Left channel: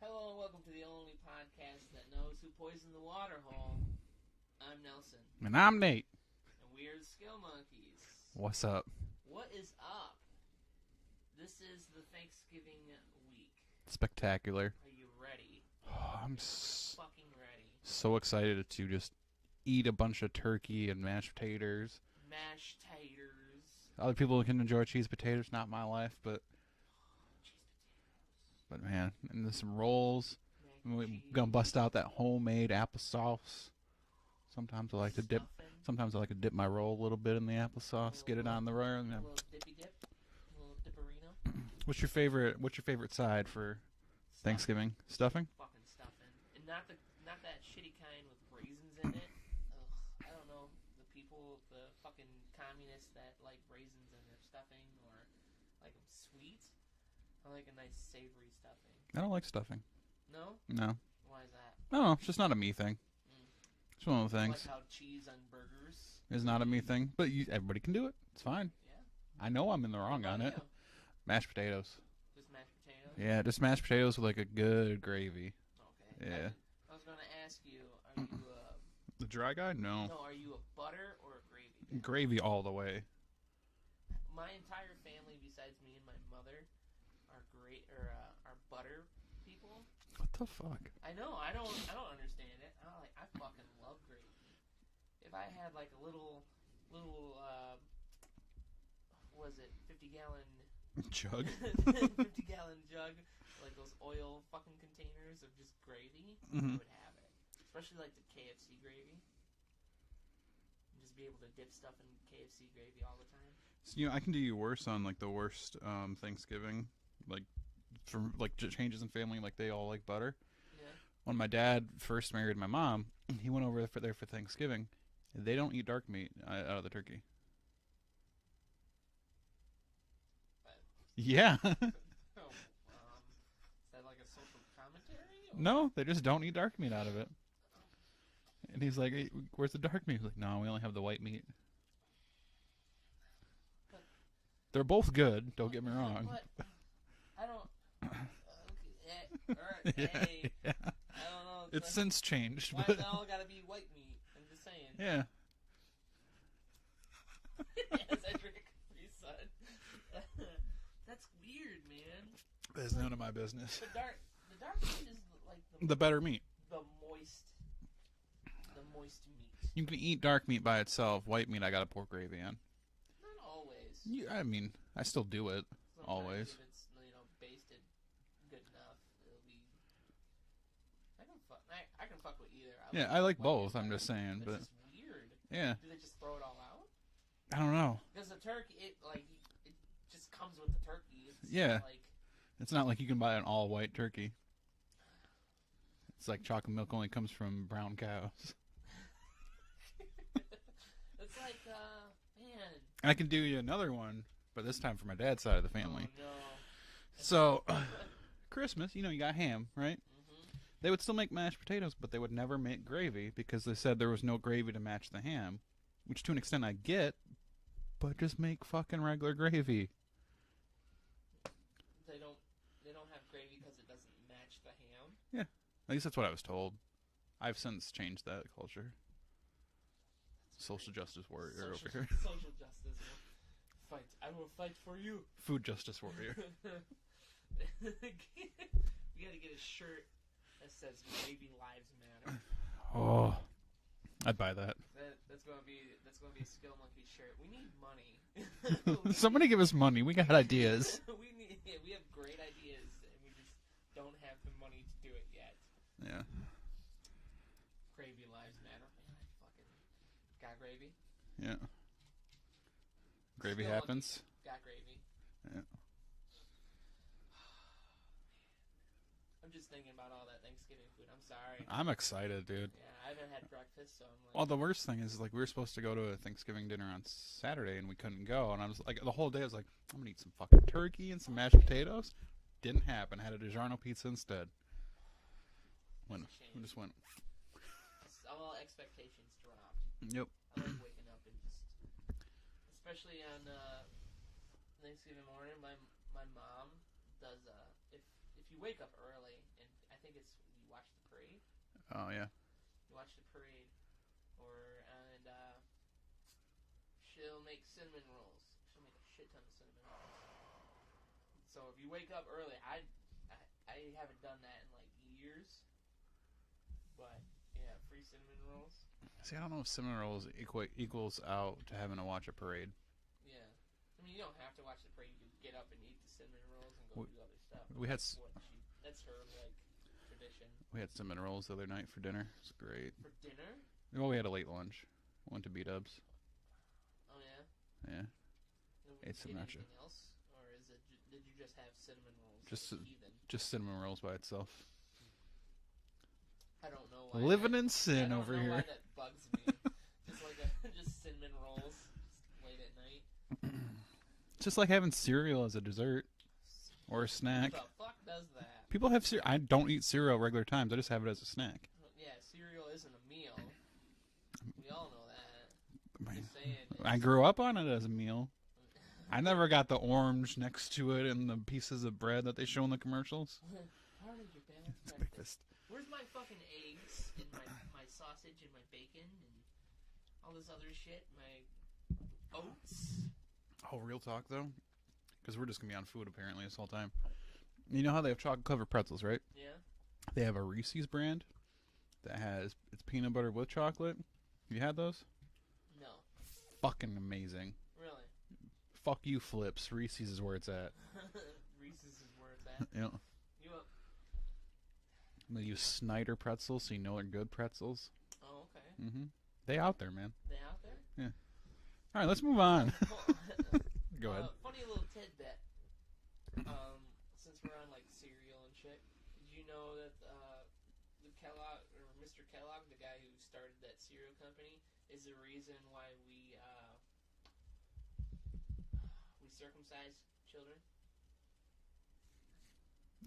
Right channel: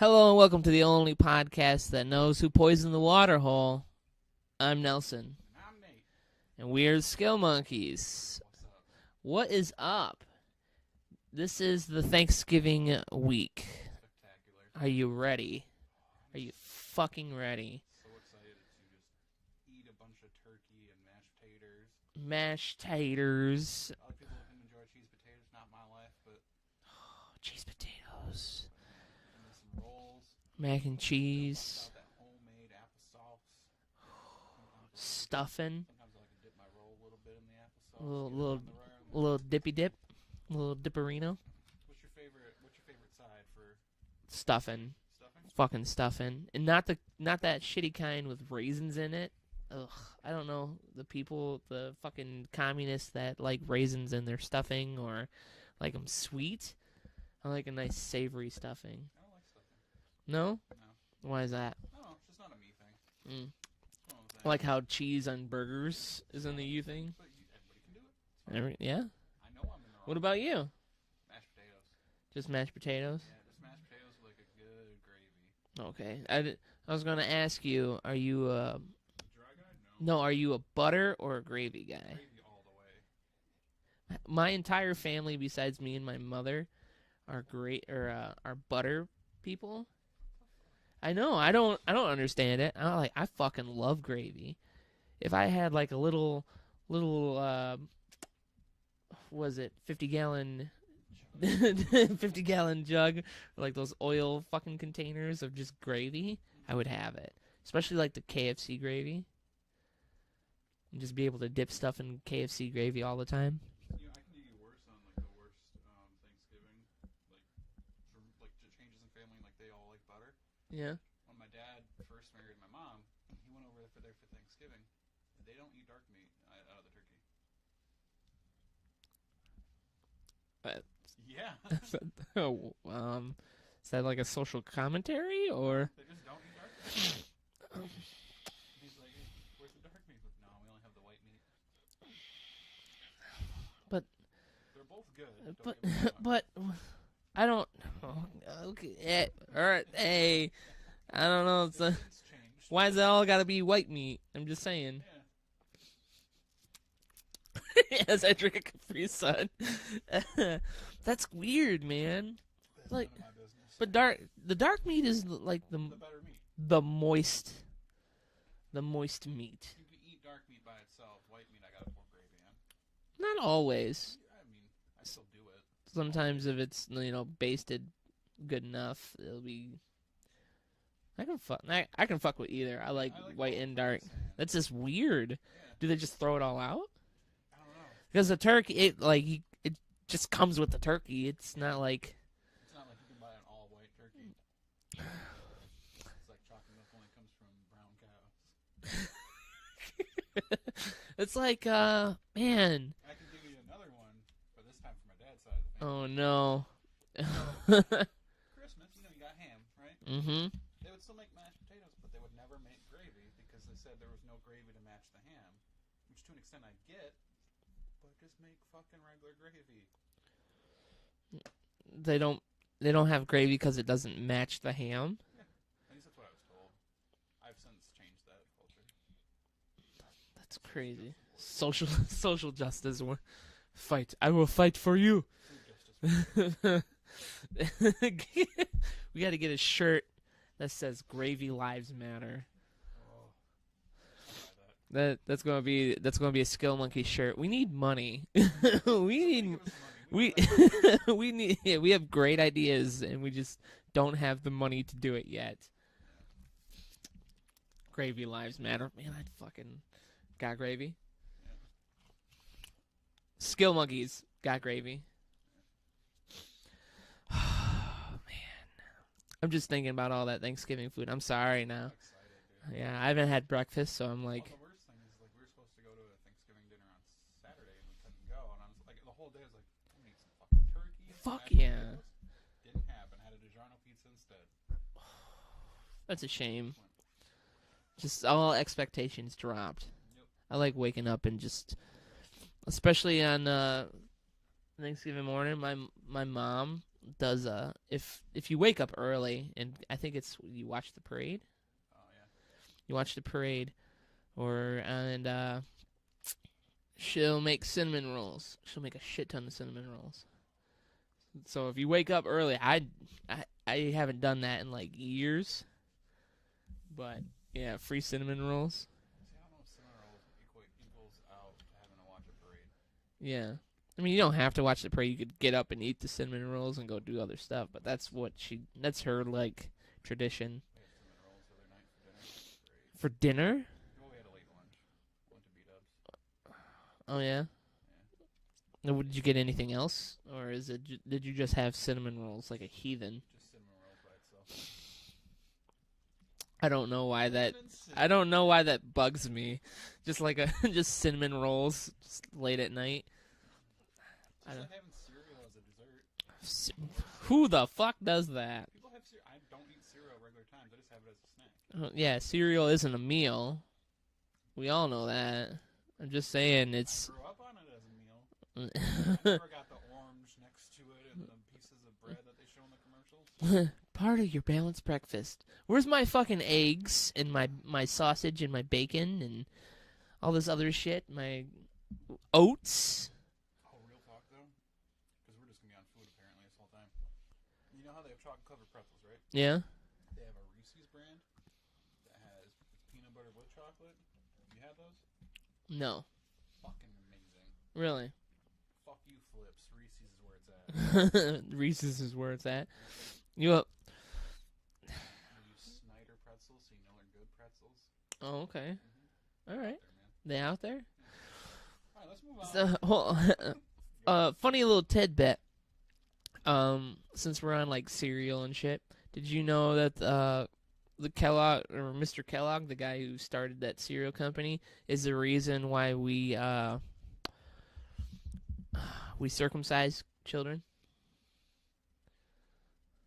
Hello and welcome to the only podcast that knows who poisoned the water hole. I'm Nelson. And I'm Nate. And we're the Skill Monkeys. What's up? What is up? This is the Thanksgiving week. Spectacular. Are you ready? I'm Are you fucking ready? so excited to just eat a bunch of turkey and mashed potatoes. Mashed taters. Other people can enjoy cheese potatoes, not my life, but Cheese potatoes. man, and there's some rolls. Mac and cheese. Gonna bust out that homemade applesauce. Sometimes I like to dip. Stuffing. Sometimes I like to dip my roll a little bit in the applesauce, get it on the roll. A little dippy dip. A little dipperino. What's your favorite side for Stuffing. Thanksgiving? Stuffing? Fucking stuffing. And not that shitty kind with raisins in it. Ugh. I don't know. The fucking communists that like raisins in their stuffing or like them sweet. I like a nice savory stuffing. I don't like stuffing. No? No. Why is that? No, it's just not a me thing. It's one of the things. Like how cheese on burgers is not a me thing. But everybody can do it. It's fine. Yeah? I know I'm in the wrong. What about on it. you? Mashed potatoes. Just mashed potatoes? Yeah, just mashed potatoes with like a good gravy. Okay. Yeah. I was going to ask you, are you The dry guy? No. No, are you a butter or a gravy guy? Gravy all the way. My entire family, besides me and my mother, are are butter people. What the fuck? I know. I don't understand it. I fucking love gravy. If I had like a little was it 50-gallon Jug. 50-gallon jug, or like those oil fucking containers of just gravy, I would have it. Especially like the KFC gravy. And just be able to dip stuff in KFC gravy all the time. So, I can do you worse on like the worst Thanksgiving, like from like changes in family, like they all like butter. Yeah. When my dad first married my mom, he went over there for Thanksgiving. They don't eat dark meat out of the turkey. Yeah. Oh, is that like a social commentary or No, they just don't eat dark meat out of it. And he's like, hey, "Where's the dark meat?" He's like, "No, we only have the white meat." But they're both good. Don't get me wrong. But I don't. Okay, all right. Hey, Yeah. I don't know. It's since changed. Why is that all got to be white meat? I'm just saying. Yeah. As I drink a Capri Sun. That's weird, man. That's like, none of my business. But the dark meat is like The better meat. the moist meat. You can eat dark meat by itself. White meat, I gotta pour gravy on. Not always. I mean, I still do it. Sometimes always. if it's basted good enough, it'll be. I can fuck with either. I like white both. and dark. I'm just saying. That's but, just weird. yeah. Do they just throw it all out? I don't know. Because the turkey, it just comes with the turkey. It's not like. It's not like you can buy an all white turkey. It's like chocolate milk only comes from brown cows. It's like, man. And I can do you another one, but this time for my dad's side of the family. Oh no. So, Christmas, you got ham, right? Mm-hmm. They would still make mashed potatoes, but they would never make gravy because they said there was no gravy to match the ham, which to an extent I get, but just make fucking regular gravy. They don't have gravy because it doesn't match the ham. Yeah, at least that's what I was told. I've since changed that culture. That's Social crazy. justice warrior. Social justice war. Fight. I will fight for you. Food justice warrior. We got to get a shirt that says "Gravy Lives Matter." Oh, I'd buy that. That's gonna be a Skill Monkey shirt. We need money. Somebody give us money. We got ideas. We have great ideas, and we just don't have the money to do it yet. Yeah. Gravy Lives Matter. Man, I'd fucking got gravy. Yeah. Gravy Skill happens. Monkeys got gravy. Yeah. I'm just thinking about all that Thanksgiving food. I'm sorry now. I'm excited, dude. Yeah, I haven't had breakfast, so I'm like. Well, the worst thing is, like, we were supposed to go to a Thanksgiving dinner on Saturday, and we couldn't go. And I was like, the whole day I was like, I'm gonna eat some fucking turkey and some Fuck mashed yeah. potatoes. Didn't happen. Had a DiGiorno pizza instead. That's a shame. Just went, Just all expectations dropped. yep. I like waking up and just, especially on Thanksgiving morning, my mom does if you wake up early, and I think it's you watch the parade. Oh yeah. You watch the parade, and she'll make cinnamon rolls. She'll make a shit ton of cinnamon rolls. So if you wake up early, I haven't done that in like years. But yeah, free cinnamon rolls. See, I don't know if cinnamon rolls equals out to having to watch a parade. Yeah. I mean, you don't have to watch the parade. You could get up and eat the cinnamon rolls and go do other stuff. But that's her, like, tradition. We had cinnamon rolls the other night for dinner. Great. For dinner? Well, we had a late lunch. Went to B-Dubs. Oh, yeah? Yeah. Now, did you get anything else? Or did you just have cinnamon rolls like a heathen? Just cinnamon rolls by itself. I don't know why Living in sin I don't know here. why that bugs me. just just cinnamon rolls just late at night. Just like having cereal as a dessert or a snack. Who the fuck does that? People have cereal. I don't eat cereal regular times. I just have it as a snack. Yeah, cereal isn't a meal. We all know that. I'm just saying it's. I grew up on it as a meal. I never got the orange next to it and the pieces of bread that they show in the commercials. Part of your balanced breakfast. Where's my fucking eggs and my sausage and my bacon and all this other shit? My oats. Oh, real talk though, because we're just gonna be on food apparently this whole time. You know how they have chocolate covered pretzels, right? Yeah. They have a Reese's brand that has it's peanut butter with chocolate. You had those? No. Fucking amazing. Really? Fuck you, Flips. Reese's is where it's at. Reese's is where it's at. Yep. You up? They use Snyder pretzels, so you know they're good pretzels. Oh, okay. Mm-hmm. They All out right. there, man. They out there? Yeah. All right, let's move on. Funny little tidbit. Since we're on like cereal and shit, did you know that the Kellogg or Mr. Kellogg, the guy who started that cereal company, is the reason why we circumcise children?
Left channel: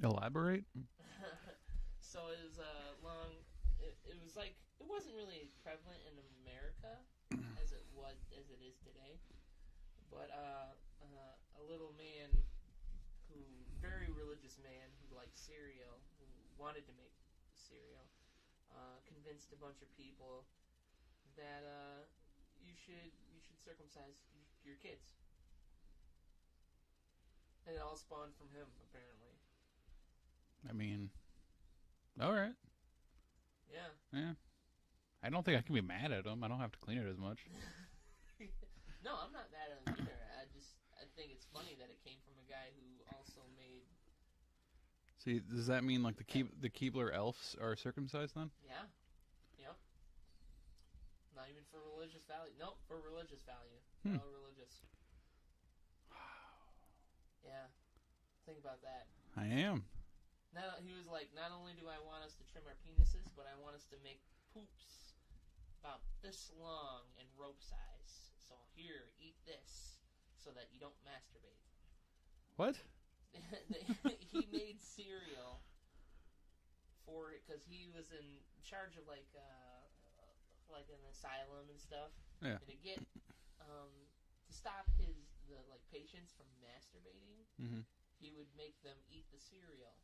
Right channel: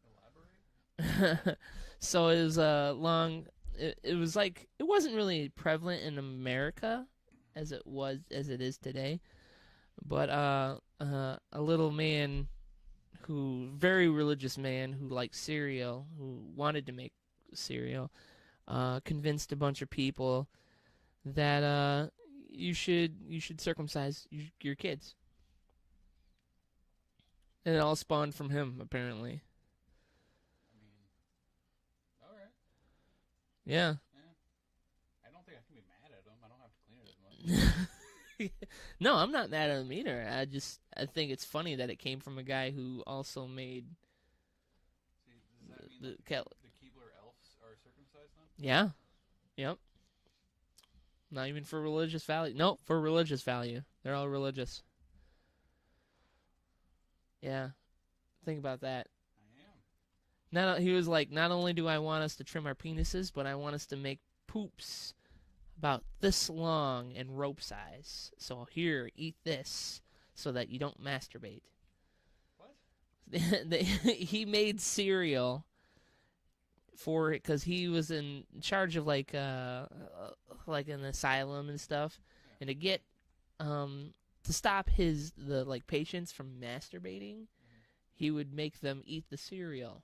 Elaborate. So it was it was like it wasn't really prevalent in America as it is today, but a little man very religious man who liked cereal, who wanted to make cereal, convinced a bunch of people that you should circumcise your kids, and it all spawned from him apparently. I mean, all right. Yeah. Yeah. I don't think I can be mad at him. I don't have to clean it as much. No, I'm not mad at him either. I think it's funny that it came from a guy who also made. See, does that mean like the Keebler elves are circumcised then? Yeah. Yep. Not even for religious value. Nope, for religious value. They're all religious. Yeah. Think about that. I am. He was like, not only do I want us to trim our penises, but I want us to make poops about this long and rope size. So here, eat this so that you don't masturbate. What? He made cereal for it because he was in charge of like an asylum and stuff, Yeah. and to get to stop the patients from masturbating, he would make them eat the cereal.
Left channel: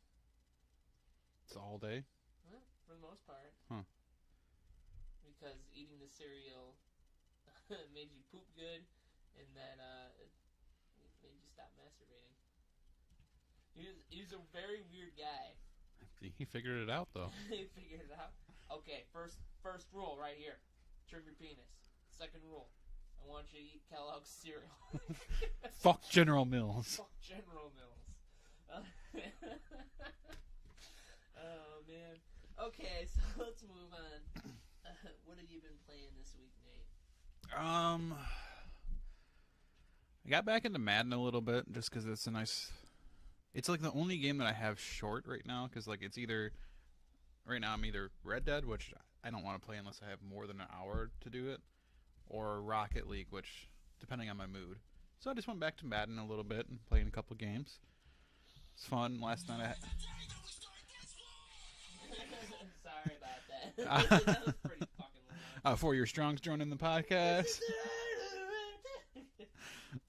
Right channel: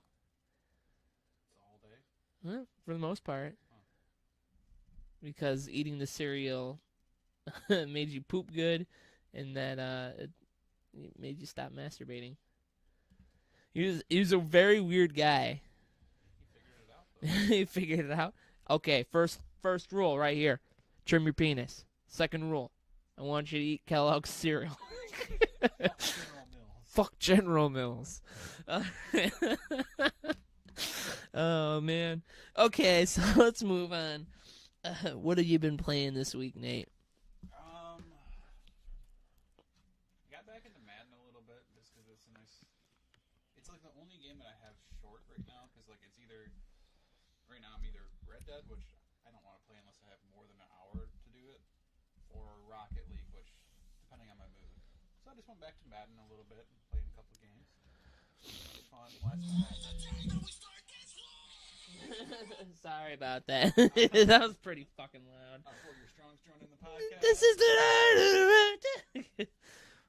It's all day? Well, for the most part. Huh. Because eating the cereal made you poop good, and that it made you stop masturbating. He was a very weird guy. He figured it out, though. He figured it out. Okay, first rule right here. Trim your penis. Second rule. I want you to eat Kellogg's cereal. Fuck General Mills. Fuck General Mills. Oh, man. Okay, so let's move on. What have you been playing this week, Nate? I got back into Madden a little bit just because it's a nice... It's like the only game that I have short right now because like it's either... Right now I'm either Red Dead, which I don't want to play unless I have more than an hour to do it, or Rocket League, which depending on my mood. So I just went back to Madden a little bit and playing a couple games. It's fun. Last night I had... Sorry about that. That was pretty fucking loud. For your Strongs joining the podcast. This is the...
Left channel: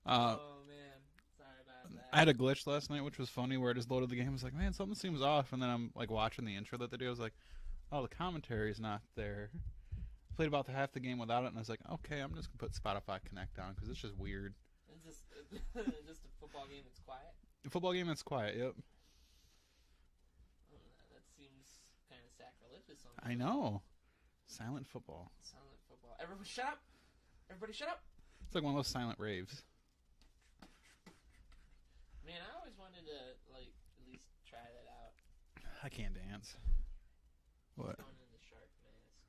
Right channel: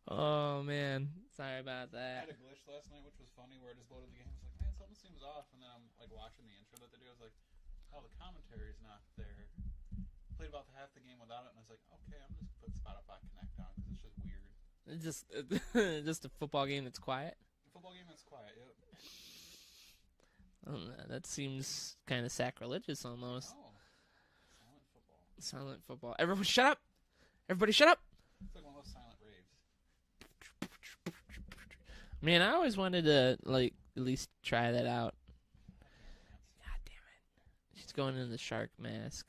Oh, man. Sorry about that. I had a glitch last night, which was funny, where I just loaded the game. I was like, man, something seems off. And then I'm like watching the intro that they do. I was like, oh, the commentary's not there. Played about half the game without it, and I was like, okay, I'm just gonna put Spotify Connect on because it's just weird. It's just a football game that's quiet. A football game that's quiet. Yep. I don't know, that seems kind of sacrilegious almost. I know. Silent football. Silent football. Everyone, shut up! Everybody, shut up! It's like one of those silent raves. Man, I always wanted to like at least try that out. I can't dance. God damn it! She's What? going in the shark mask.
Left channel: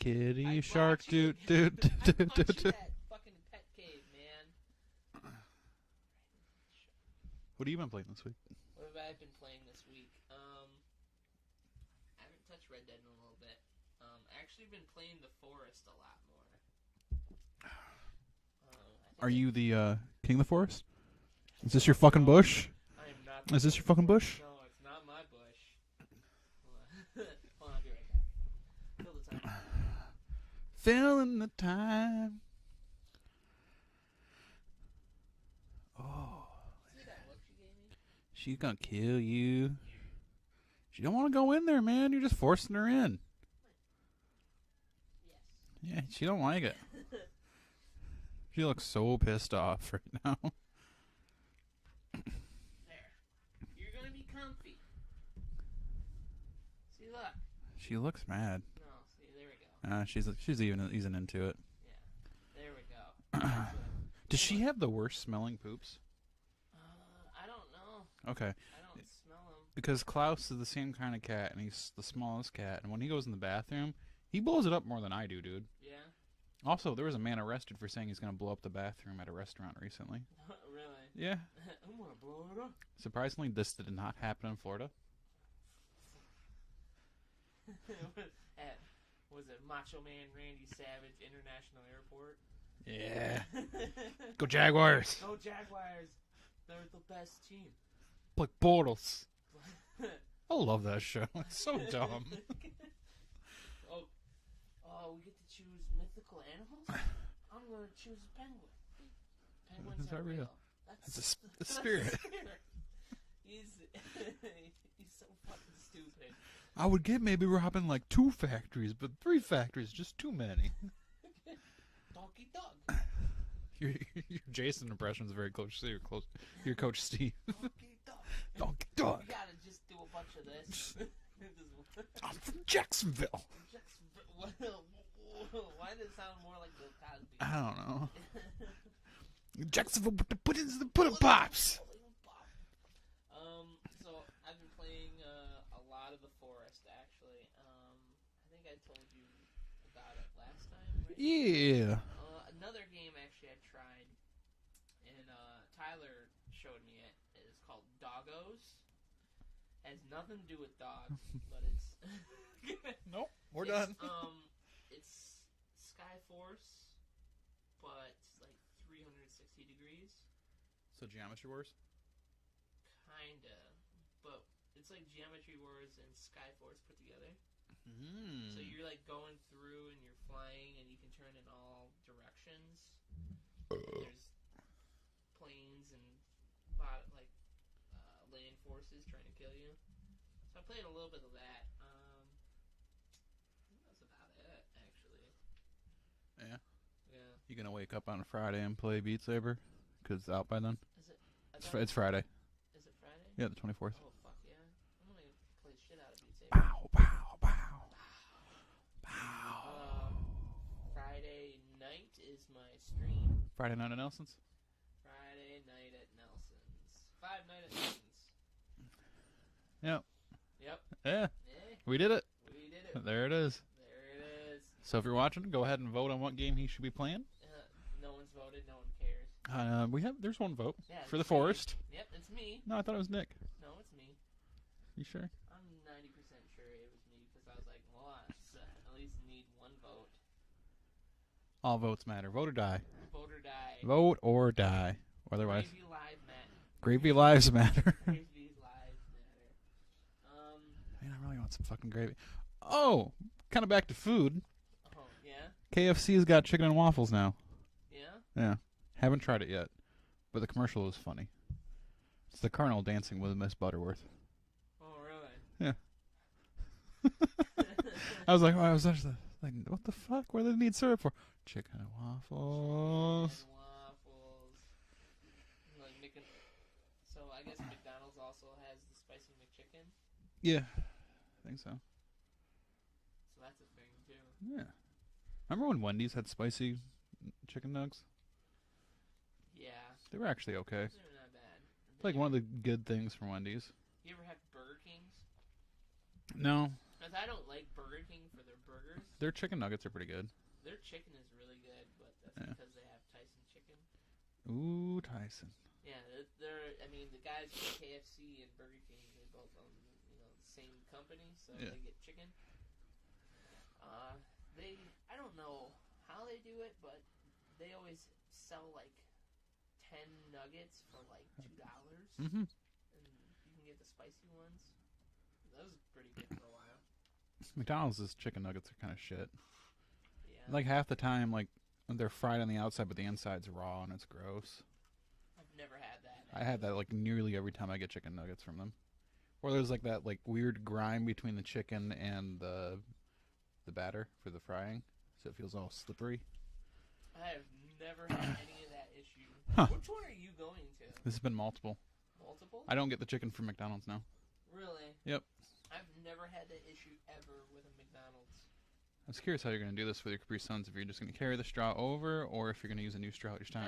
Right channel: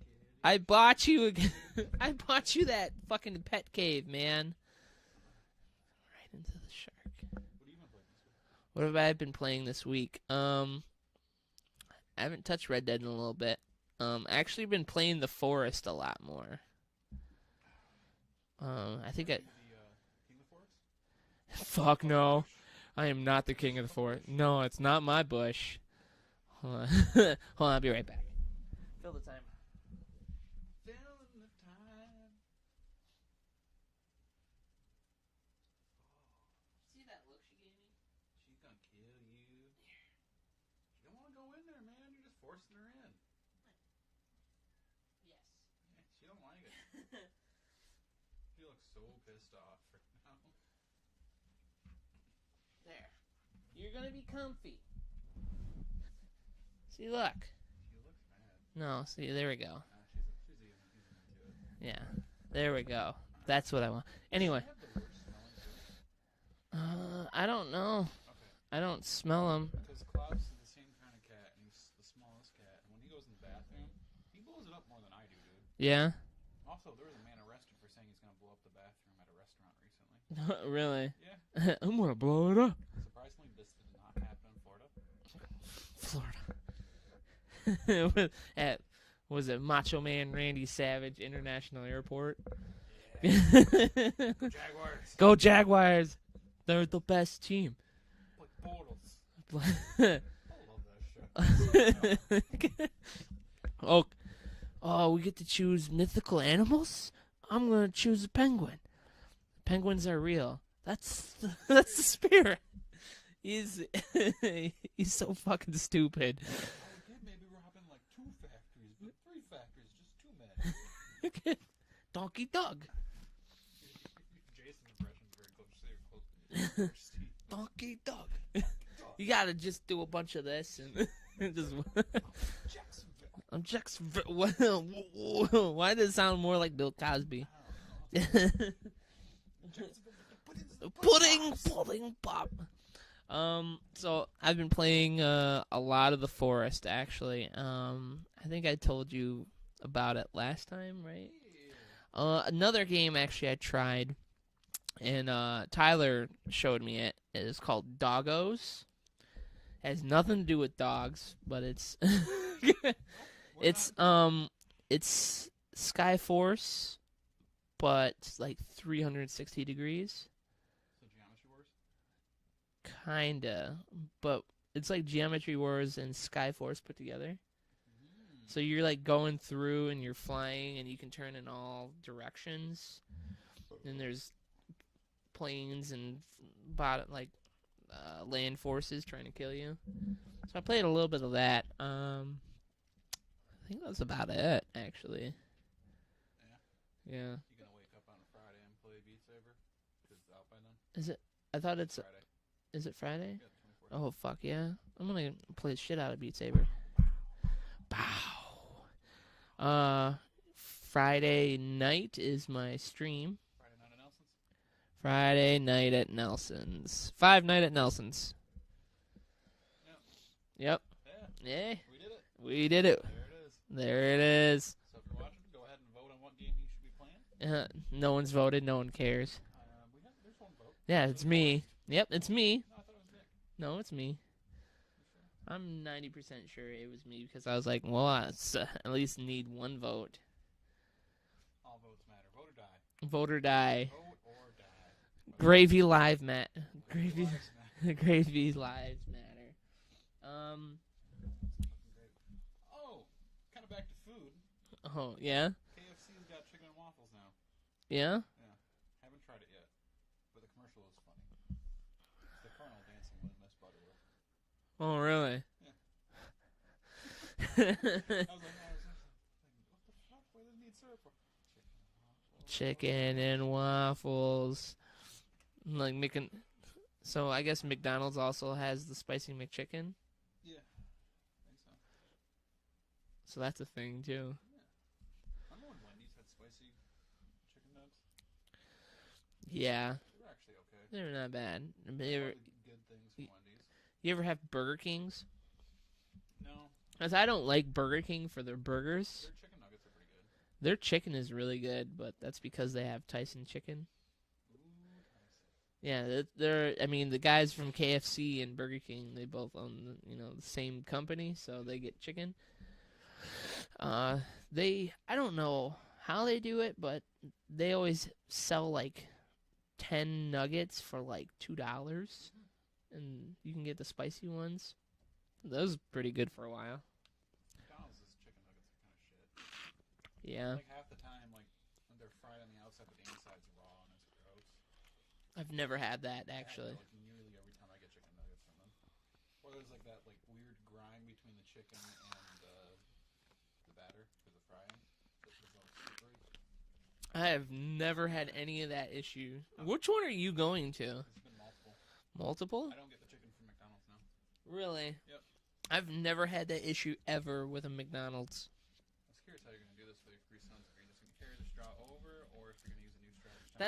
Kitty I shark, bought you. I doot, bought doot, you doot. that fucking pet cave, man. Right into the shark. What have you been playing this week? What have I been playing this week? I haven't touched Red Dead in a little bit. Actually been playing The Forest a lot more. I think. Are you the king of the forest? Is this Fuck your fucking no. bush? I am not the Is king this your of the fucking forest. bush? No, it's not my bush. Hold on. Hold on, I'll be right back. Fill the time. Filling the time. Oh, See that look she gave me? she's gonna kill you. She don't want to go in there, man. You're just forcing her in. Yes. Yeah, she don't like it. She looks so pissed off right now. There. You're gonna be comfy. See, look. She looks mad. No, see, there we go. She's even easing into it. Yeah. There we go. That's what I want. Does Anyway. she have the worst smelling poops? I don't know. Okay, I don't smell them. because Klaus is the same kind of cat, and he's the smallest cat. And when he goes in the bathroom, he blows it up more than I do, dude. Yeah? Also, there was a man arrested for saying he's gonna blow up the bathroom at a restaurant recently. Really? Yeah. I'm gonna blow it up. Surprisingly, this did not happen in Florida. Florida. At, was it Macho Man Randy Savage International Airport? Yeah. Go Jaguars. Go Jaguars! They're the best team. Like Bortles. I love that show. It's so dumb. Oh, we get to choose mythical animals? I'm gonna choose a penguin. Penguins are real. That's The the spirit. He's he's so fucking stupid. I would get maybe robbing like 2 factories, but 3 factories, just too many. Donkey Dog. Your Jason impression is very close to your Coach Steve. Donkey Dog. Donkey Dog. You gotta just do a bunch of this. And just I'm from Jacksonville. I'm Jacksonville. Why does it sound more like Bill Cosby? I don't know. Jacksonville with the pudding pops. Pudding pop. So I've been playing a lot of The Forest actually. I think I told you about it last time, right? Yeah. Another game actually I tried, and Tyler showed me it. It is called Doggos. Has nothing to do with dogs, but it's it's Skyforce, but like 360 degrees. So Geometry Wars? Kinda, but it's like Geometry Wars and Skyforce put together. So you're like going through and you're flying and you can turn in all directions. And there's planes and land forces trying to kill you. So I played a little bit of that. I think that's about it, actually. Yeah. Yeah. You gonna wake up on a Friday and play Beat Saber? Because it's out by then. Is it? I thought It's Friday. Is it Friday? Yeah, the 24th. Oh fuck yeah! I'm gonna play the shit out of Beat Saber. Bow, bow, bow, bow. Friday night is my stream. Friday night at Nelson's. Friday night at Nelson's. 5 night at Nelson's. Yep. Yep. Yeah. Yeah. We did it. We did it. There it is. There it is. So if you're watching, go ahead and vote on what game he should be playing. No one's voted. No one cares. There's one vote. Yeah, For it's the me. Forest. Yep, it's me. No, I thought it was Nick. No, it's me. You sure? I'm 90% sure it was me because I was like, well, I at least need one vote. All votes matter. Vote or die. Vote or die. Vote or die. Whether Gravy live, Matt. Gravy lives matter. Gravy lives matter. Man, I really want some fucking gravy. Oh, kind of back to food. Oh, yeah? KFC's got chicken and waffles now. Yeah? Yeah. Haven't tried it yet. But the commercial was funny. It's the Colonel dancing with Miss Butterworth. Oh, really? Yeah. I was like, what the fuck? What do they need syrup for? Chicken and waffles. Chicken and waffles. Like making. So I guess McDonald's also has the spicy McChicken. Yeah, I think so. So that's a thing too. Yeah. Remember when Wendy's had spicy chicken nugs? Yeah. They were actually okay. They're not bad. Like one of the good things from Wendy's. You ever have Burger Kings? No. Because I don't like Burger King for their burgers. Their chicken nuggets are pretty good. Their chicken is really good, but that's because they have Tyson chicken. Ooh, Tyson. Yeah, they're. I mean, the guys from KFC and Burger King, they both own the same company, so they get chicken. I don't know how they do it, but they always sell like 10 nuggets for like $2, and you can get the spicy ones. Those are pretty good for a while. McDonald's chicken nuggets are kind of shit. Yeah. Like half the time, like they're fried on the outside, but the inside's raw and it's gross. I've never had that. Actually. I had that like nearly every time I get chicken nuggets from them. Or there's like that like weird grime between the chicken and the batter for the frying, so it feels all slippery. I have never had any of that issue. Huh. Which one are you going to? This has been multiple. Multiple? I don't get the chicken from McDonald's now. Really? Yep. I've never had that issue ever with a McDonald's. I was curious how you're going to do this with your Capri Suns, if you're just going to carry the straw over, or if you're going to use a new straw each time.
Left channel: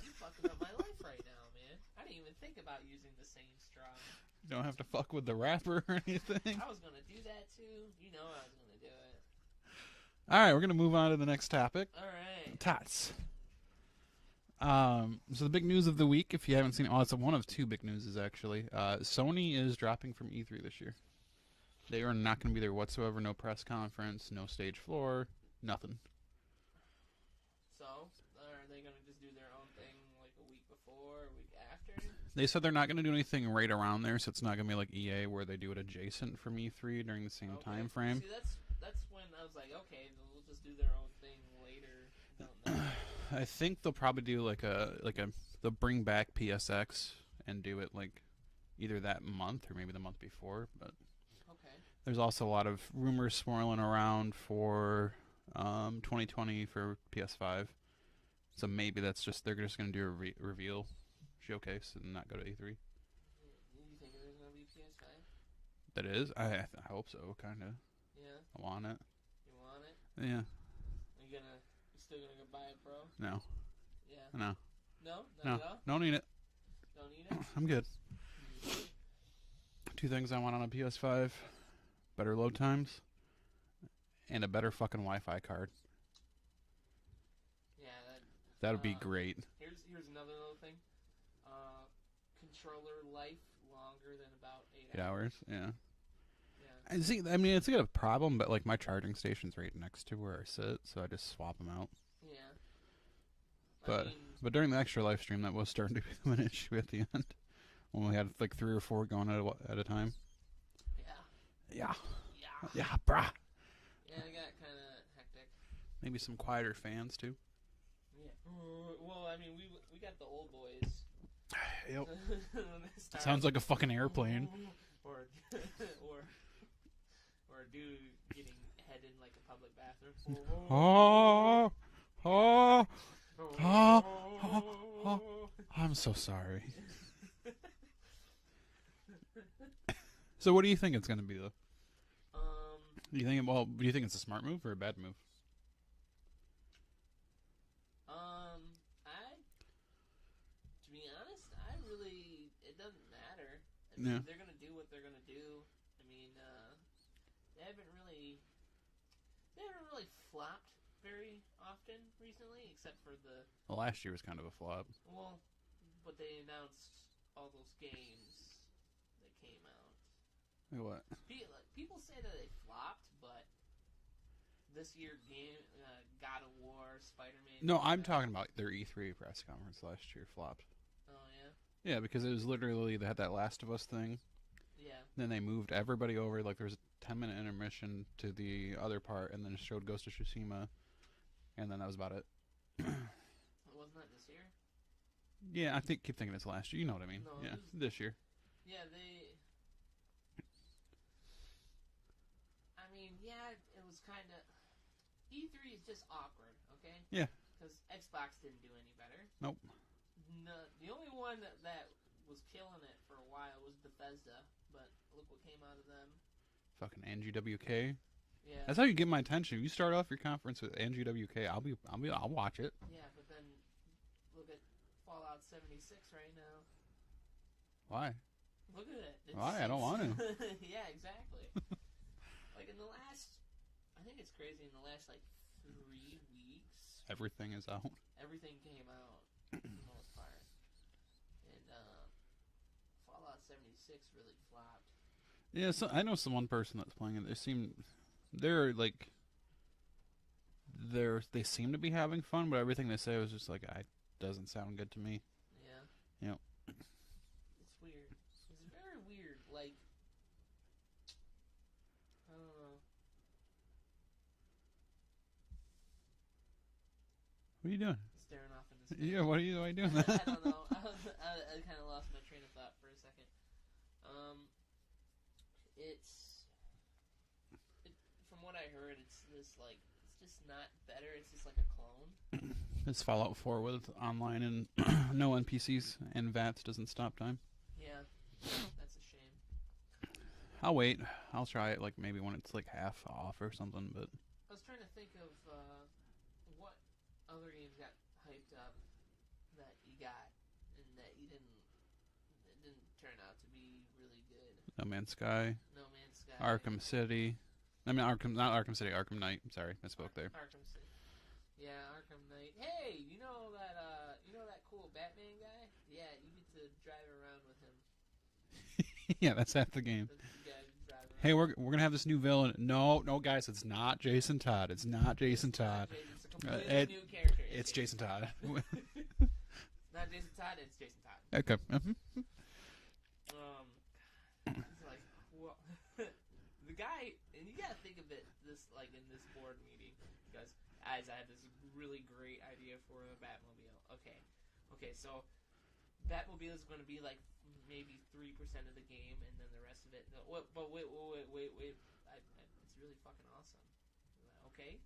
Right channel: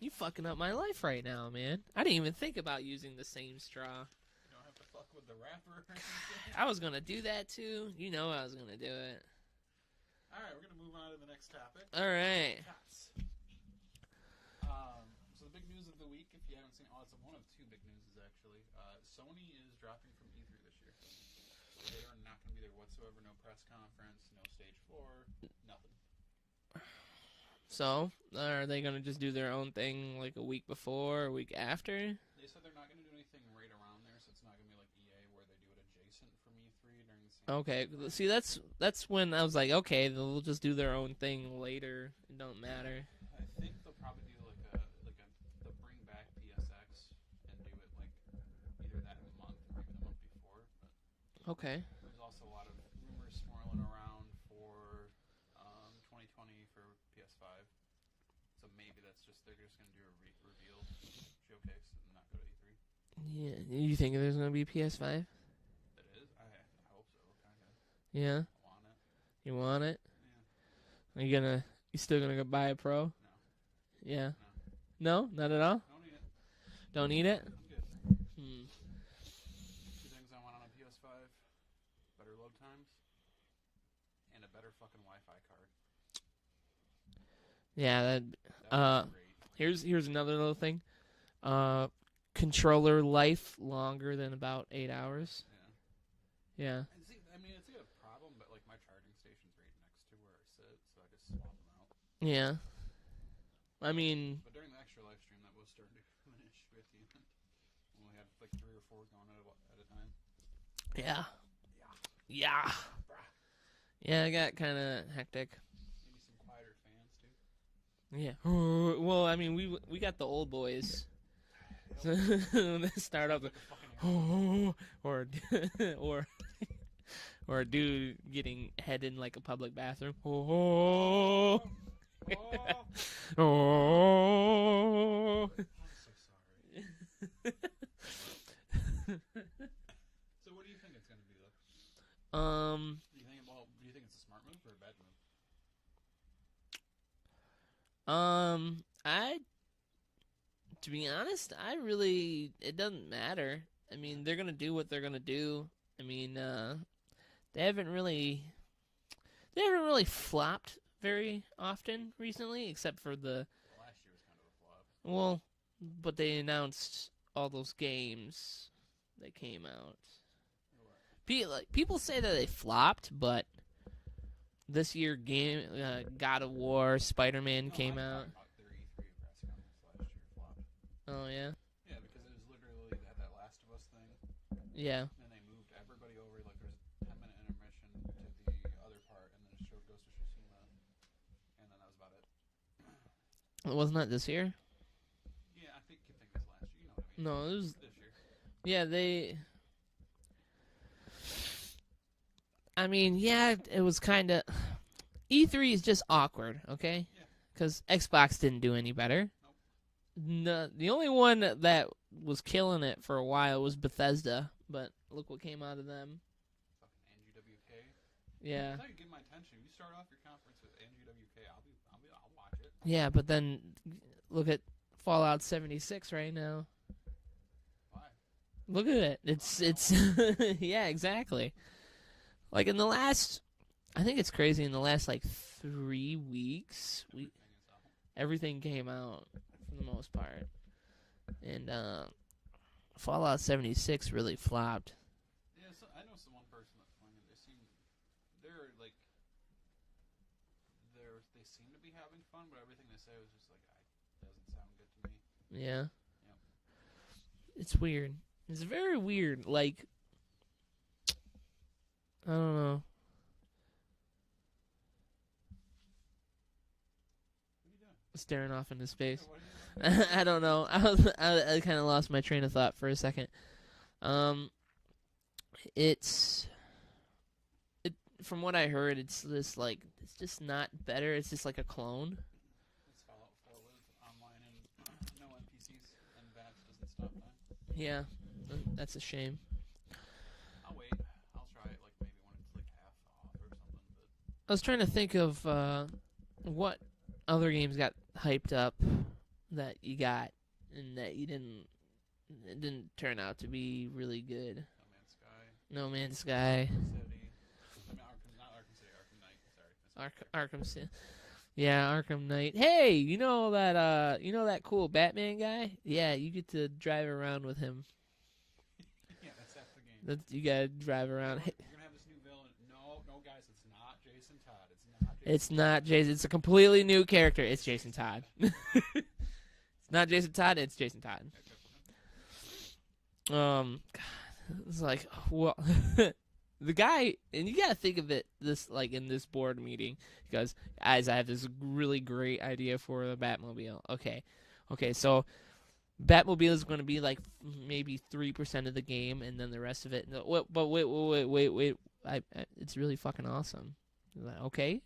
You fucking up my life right now, man. I didn't even think about using the same straw. You don't have to fuck with the wrapper or anything. I was going to do that, too. You know I was going to do it. All right, we're going to move on to the next topic. All right. Tots. So the big news of the week, if you haven't seen it, it's one of two big newses, actually. Sony is dropping from E3 this year. They are not going to be there whatsoever. No press conference, no stage floor, nothing. So, are they going to just do their own thing like a week before, a week after? They said they're not going to do anything right around there, so it's not going to be like EA where they do it adjacent from E3 during the same time frame. See, that's when I was like, okay, they'll just do their own thing later. It don't matter. I think they'll probably do they'll bring back PSX and do it like either that month or maybe the month before. But okay. There's also a lot of rumors swirling around for 2020 for PS5. So maybe they're just going to do a reveal showcase and not go to E3. Yeah, you think there's going to be PS5? That is, I hope so, kind of. Yeah. I want it. You want it? Yeah. Are you still gonna go buy a Pro? No. Yeah. No. No, not at all. Don't need it. Don't need it. I'm good. Two things I want on a PS5: better load times and a better fucking Wi-Fi card. Yeah, that would be great. Here's another little thing. Controller life longer than about 8 hours. Yeah. Yeah. I mean, it's a problem, but like my charging station's right next to where I sit, so I just swap them out. Yeah. But during the extra live stream, that was starting to become an issue at the end when we had like 3 or 4 going at a time. Yeah. Yeah. Yeah. Yeah, brah. Yeah, it got kind of hectic. Maybe some quieter fans too. Yeah. Well, I mean, we got the old boys. Yep. Sounds like a fucking airplane. Or a dude getting head in like a public bathroom. I'm so sorry. So what do you think it's going to be though? Do you think it's a smart move or a bad move? To be honest, it doesn't matter. I mean, they're gonna do what they're gonna do. I mean, they haven't really flopped very often recently, except for Well, last year was kind of a flop. Well, but they announced all those games that came out. Like what? People say that they flopped, but this year God of War, Spider-Man came out. No, I'm talking about their E3 press conference last year flopped. Oh, yeah? Yeah, because it was literally, they had that Last of Us thing. Yeah. Then they moved everybody over, like there was a 10-minute intermission to the other part, and then it showed Ghost of Tsushima, and then that was about it. Wasn't that this year? Yeah, I keep thinking it's last year. You know what I mean? No, yeah, it was this year. Yeah, I mean, yeah, it was kind of. E3 is just awkward, okay? Yeah. Because Xbox didn't do any better. Nope. No, the only one that was killing it for a while was Bethesda, but look what came out of them. Fucking NGWK. Yeah. That's how you get my attention. If you start off your conference with NGWK, I'll watch it. Yeah, but then look at Fallout 76 right now. Why? Look at it. It's Why? I don't want yeah, exactly. Like in the last, I think it's crazy. In the last like 3 weeks, Everything is out. everything came out for the most part, and Fallout 76 really flopped. Yeah, so I know one person that's playing it. They seem to be having fun, but everything they say was just like, doesn't sound good to me. Yeah. Yep. It's weird. It's very weird. Like, I don't know. What are you doing? Staring off into space. Yeah, what are you doing? I don't know. I kind of lost my train of thought for a second. From what I heard, it's this like it's just not better. It's just like a clone. It's Fallout 4 with online and no NPCs and VATS doesn't stop time. Yeah, that's a shame. I'll wait. I'll try it like maybe when it's like half off or something. But I was trying to think of what other games got hyped up that you got and that you didn't. It didn't turn out to be really good. No Man's Sky. No Man's Sky. Arkham City. I mean, not Arkham City. Arkham Knight. Sorry, I spoke there. Arkham City. Yeah, Arkham Knight. Hey, you know that cool Batman guy? Yeah, you get to drive around with him. Yeah, that's half the game. You gotta drive around. Hey, we're gonna have this new villain. No, guys, it's not Jason Todd. It's not Jason Todd. It's not Jason. It's a completely new character. It's Jason Todd. It's not Jason Todd. It's Jason Todd. Okay. It's like, well, the guy, and you gotta think of it this like in this board meeting. He goes, guys, I have this really great idea for the Batmobile. Okay, so Batmobile is going to be like maybe 3% of the game, and then the rest of it. No, but wait! It's really fucking awesome. Like, okay.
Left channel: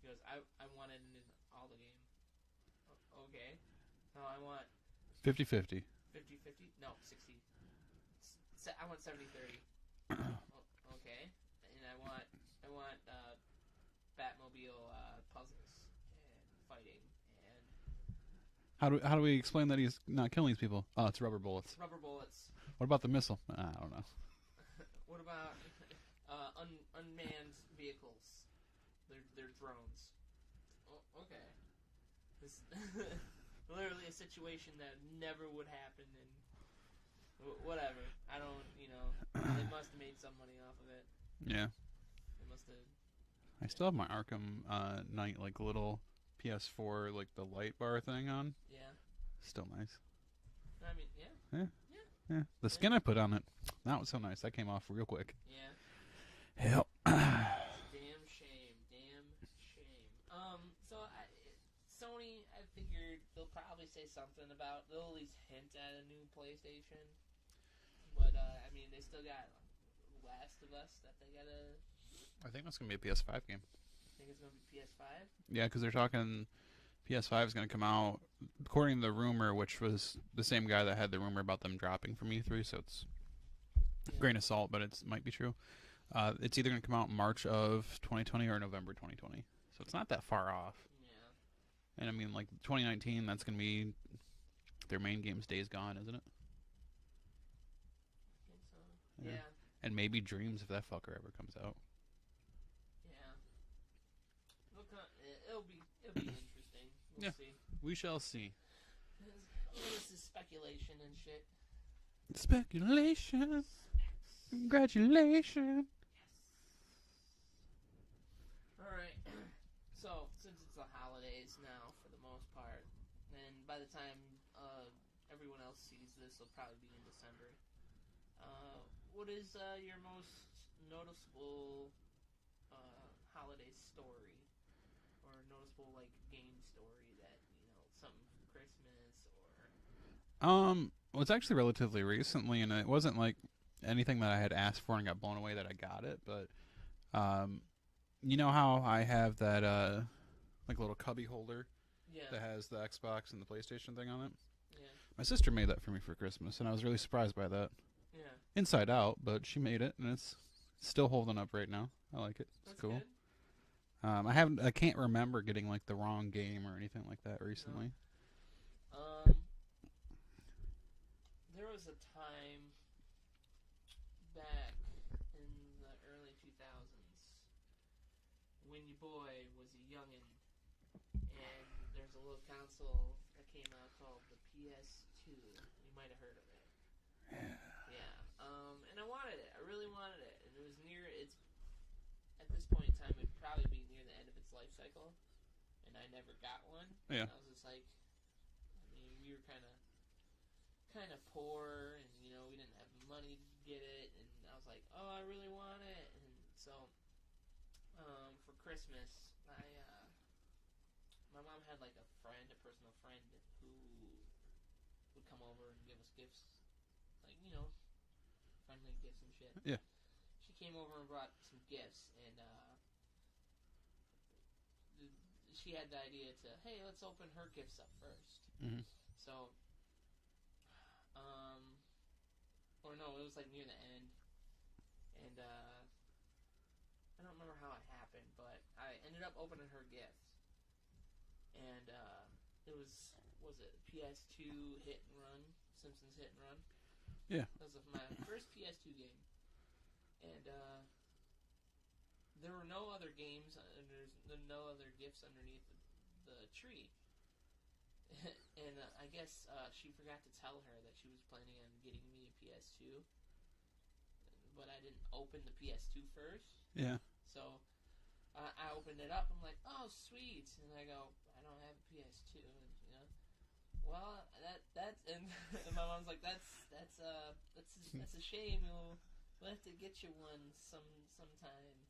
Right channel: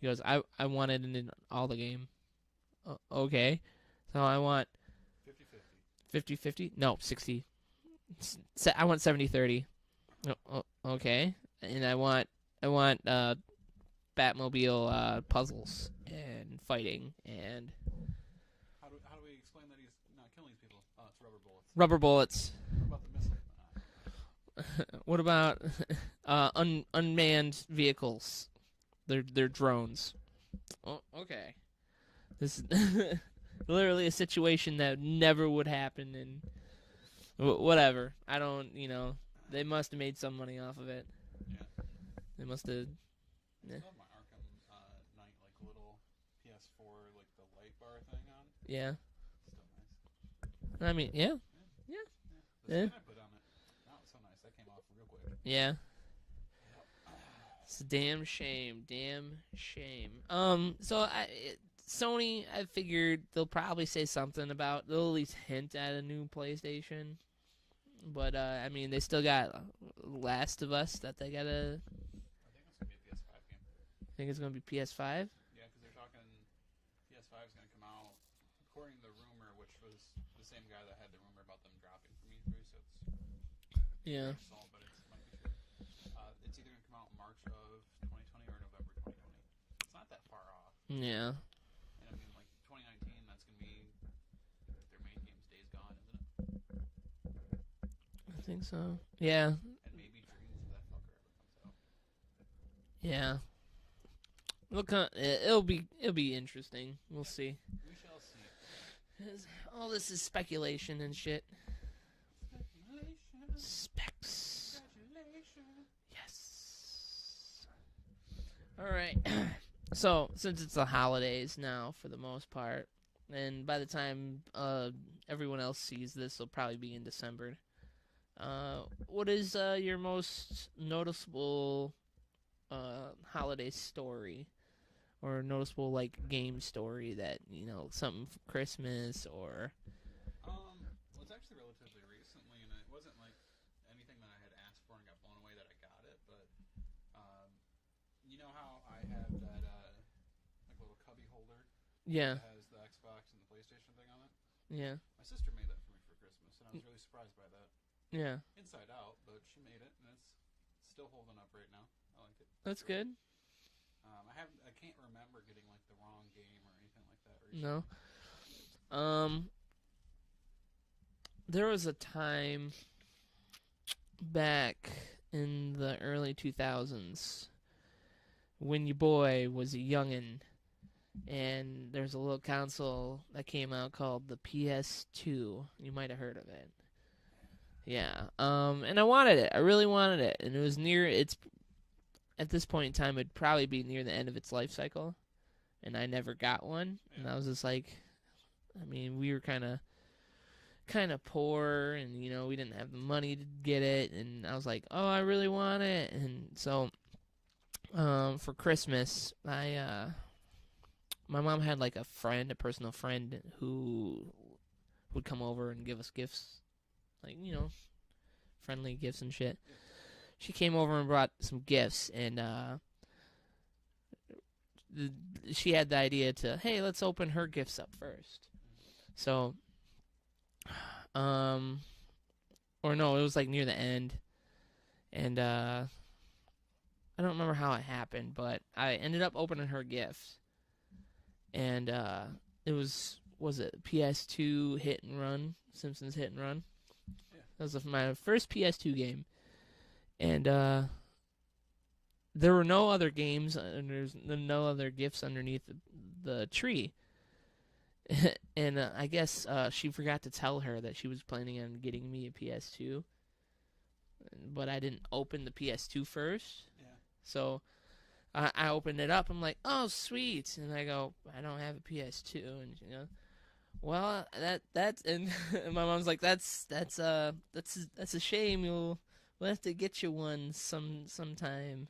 He goes, I want it in all the game. Okay, so I want 50-50. 50-50? No, 60. I want 70-30. Okay, and I want Batmobile puzzles and fighting and. How do we explain that he's not killing these people? Oh, it's rubber bullets. Rubber bullets. What about the missile? I don't know. What about unmanned vehicles? They're drones. Oh, okay. This is literally a situation that never would happen in whatever. I don't, they must have made some money off of it. Yeah. They must have. I still have my Arkham Knight like little PS4 like the light bar thing on. Yeah. Still nice. I mean, yeah. Yeah. The skin I put on it, that was so nice. That came off real quick. Yeah. Yep. It's a damn shame. So Sony, I figured they'll probably say something about. They'll at least hint at a new PlayStation. But I mean, they still got Last of Us that they gotta. I think that's gonna be a PS5 game. Think it's gonna be PS5. Yeah, because they're talking PS5 is gonna come out according to the rumor, which was the same guy that had the rumor about them dropping from E3. So it's a grain of salt, but it might be true. It's either gonna come out in March of 2020 or November 2020. So it's not that far off. Yeah. And I mean, like 2019, that's gonna be their main game's Days Gone, isn't it? I think so. Yeah. And maybe Dreams if that fucker ever comes out. Yeah. It'll be interesting. We'll see. We shall see. All this is speculation and shit. Speculation. Specs. Congratulations. Yes. All right. So, since it's the holidays now for the most part, and by the time everyone else sees this, it'll probably be in December. What is your most noticeable holiday story or noticeable like game story that something for Christmas or. Well, it's actually relatively recently, and it wasn't like anything that I had asked for and got blown away that I got it. But you know how I have that like little cubby holder Yeah. that has the Xbox and the PlayStation thing on it? Yeah. My sister made that for me for Christmas, and I was really surprised by that. Yeah. Inside out, but she made it, and it's still holding up right now. I like it. That's cool. good. I can't remember getting like the wrong game or anything like that recently. No. There was a time back in the early 2000s when your boy was a youngin', and there's a little console that came out called the PS2. You might have heard of it. Yeah. And I wanted it. I really wanted it, and it was at this point in time, it'd probably be near the end of its life cycle, and I never got one. Yeah. And I was just like, we were kind of poor, and we didn't have the money to get it, and I was like, oh, I really want it. And so for Christmas, my mom had like a personal friend who would come over and give us gifts, like friendly gifts and shit. Yeah. She came over and brought some gifts, and she had the idea to, hey, let's open her gifts up first. Mm-hmm. So or no, it was like near the end, and I don't remember how it happened, but I ended up opening her gift, and it was it PS2 Hit and Run, Simpsons Hit and Run? Yeah. That was my first PS2 game, and there were no other games, and there's no other gifts underneath the tree. And I guess she forgot to tell her that she was planning on getting me a PS2, but I didn't open the PS2 first. Yeah. So I opened it up. I'm like, oh, sweet. And I go, I don't have a PS2. And well, that's and my mom's like, that's a shame. We'll have to get you one sometime.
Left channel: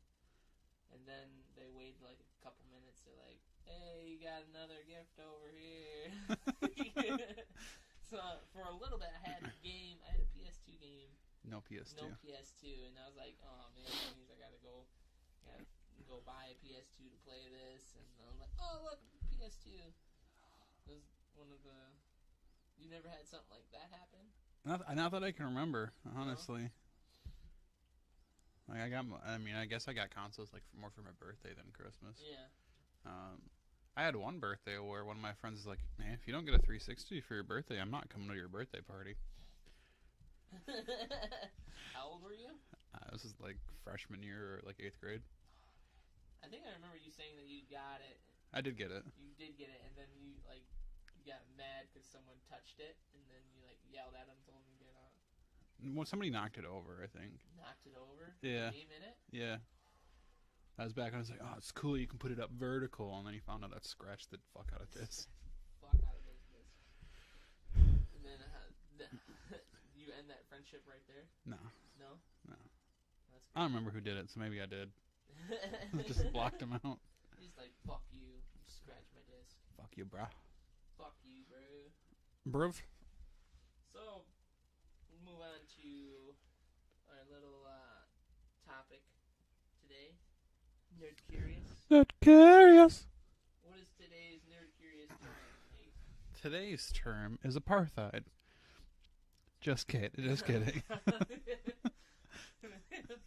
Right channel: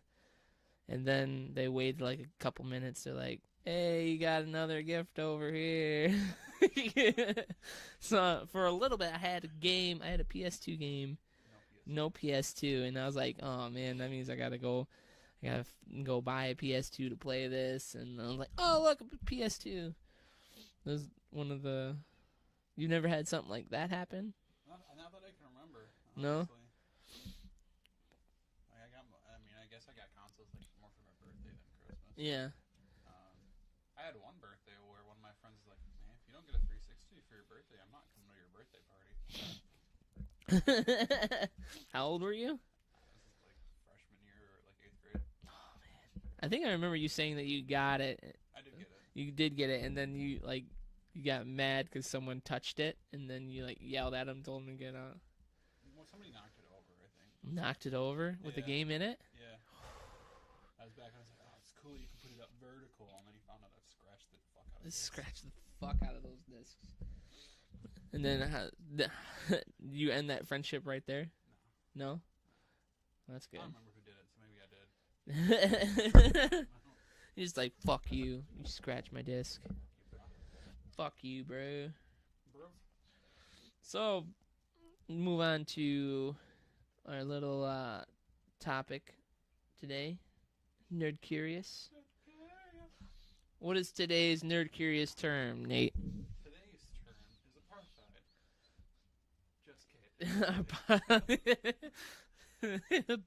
And then they waited like a couple minutes. They're like, hey, you got another gift over here. So for a little bit, I had a PS2 game. No PS2. And I was like, oh man, that means I gotta go buy a PS2 to play this. And I was like, oh look, a PS2. It was one of the. You never had something like that happen? Not that I can remember, honestly. No? Like I guess I got consoles like more for my birthday than Christmas. Yeah. I had one birthday where one of my friends was like, man, if you don't get a 360 for your birthday, I'm not coming to your birthday party. How old were you? This is like freshman year or like 8th grade. Oh, man. I think I remember you saying that you got it. I did get it. You did get it, and then you got mad because someone touched it, and then you yelled at him, told him to get out. Well, somebody knocked it over, I think. Knocked it over with the game in it? Yeah. I was back and I was like, oh, it's cool, you can put it up vertical. And then he found out that scratched the fuck out of discs. Scratched the fuck out of those discs. And then you end that friendship right there? No. No? No. That's good. I don't remember who did it, so maybe I did. Just blocked him out. You're just like, fuck you. You scratch my disc. Fuck you, bro. Fuck you, bro. Bruv. So, move on to our little topic today. Nerd Curious. Nerd Curious. What is today's Nerd Curious term, Nate? Today's term is apartheid. Just kidding. Just kidding.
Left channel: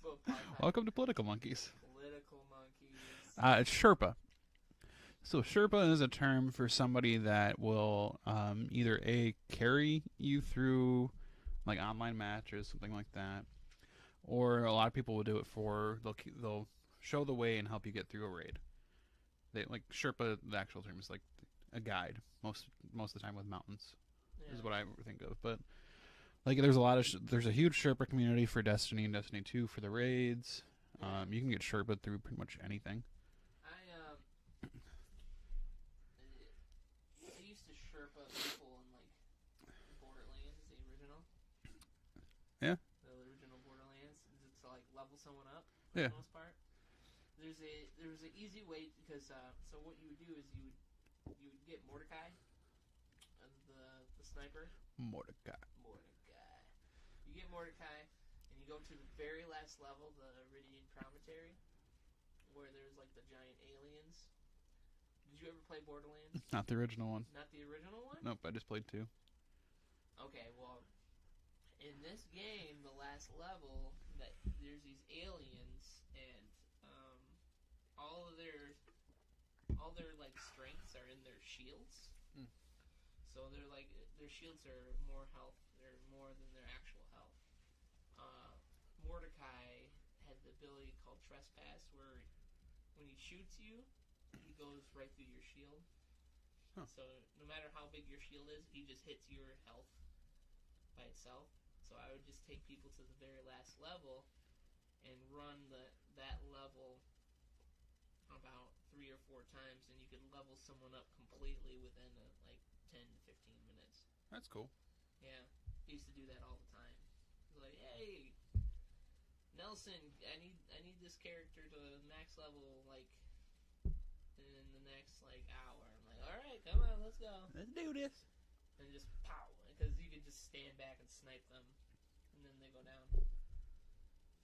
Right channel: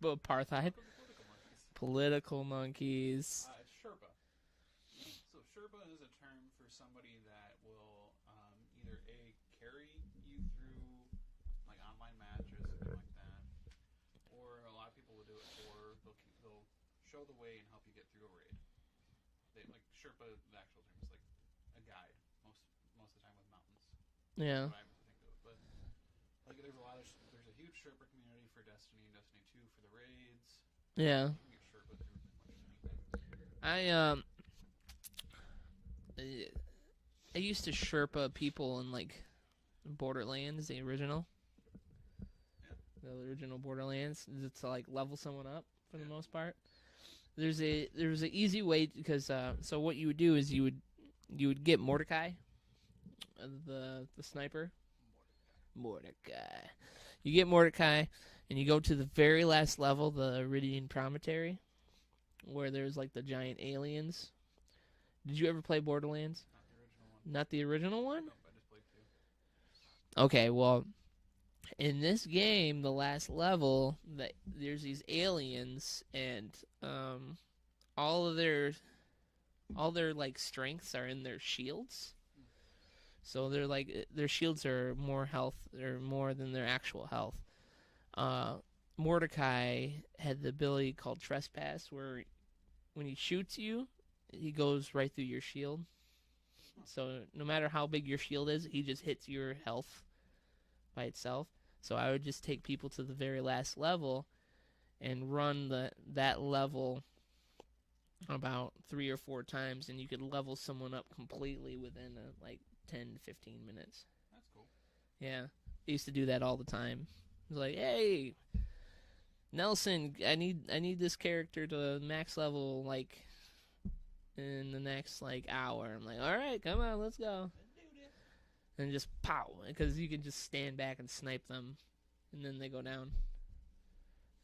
Apartheid. Welcome to Political Monkeys. Political Monkeys. It's Sherpa. So Sherpa is a term for somebody that will either carry you through like online matches, something like that, or a lot of people will do it for they'll show the way and help you get through a raid. They like Sherpa. The actual term is like a guide most of the time with mountains. Yeah, is what I think of. But like there's a huge Sherpa community for Destiny and Destiny 2 for the raids. Yeah, you can get Sherpa through pretty much anything. I used to Sherpa people in like Borderlands, the original. Yeah. The original Borderlands, to like level someone up for the most part. There's an easy way because so what you would do is you would get Mordecai, the sniper. Mordecai. You get Mordecai, and you go to the very last level, the Iridian Promontory, where there's like the giant aliens. Did you ever play Borderlands? Not the original one. Not the original one? Nope, I just played 2. Okay, well, in this game, the last level, there's these aliens, and all their like strengths are in their shields. So they're like their shields are more health, or more than their actual health. Mordecai had the ability called Trespass, where when he shoots you, he goes right through your shield. Huh. So no matter how big your shield is, he just hits your health by itself. So I would just take people to the very last level and run that level about 3 or 4 times, and you could level someone up completely within like 10 to 15 minutes. That's cool. Yeah, I used to do that all the time. It was like, hey, Nelson, I need this character to max level like in the next like hour. I'm like, all right, come on, let's go. Let's do this. And just pow, because you can just stand back and snipe them, and then they go down.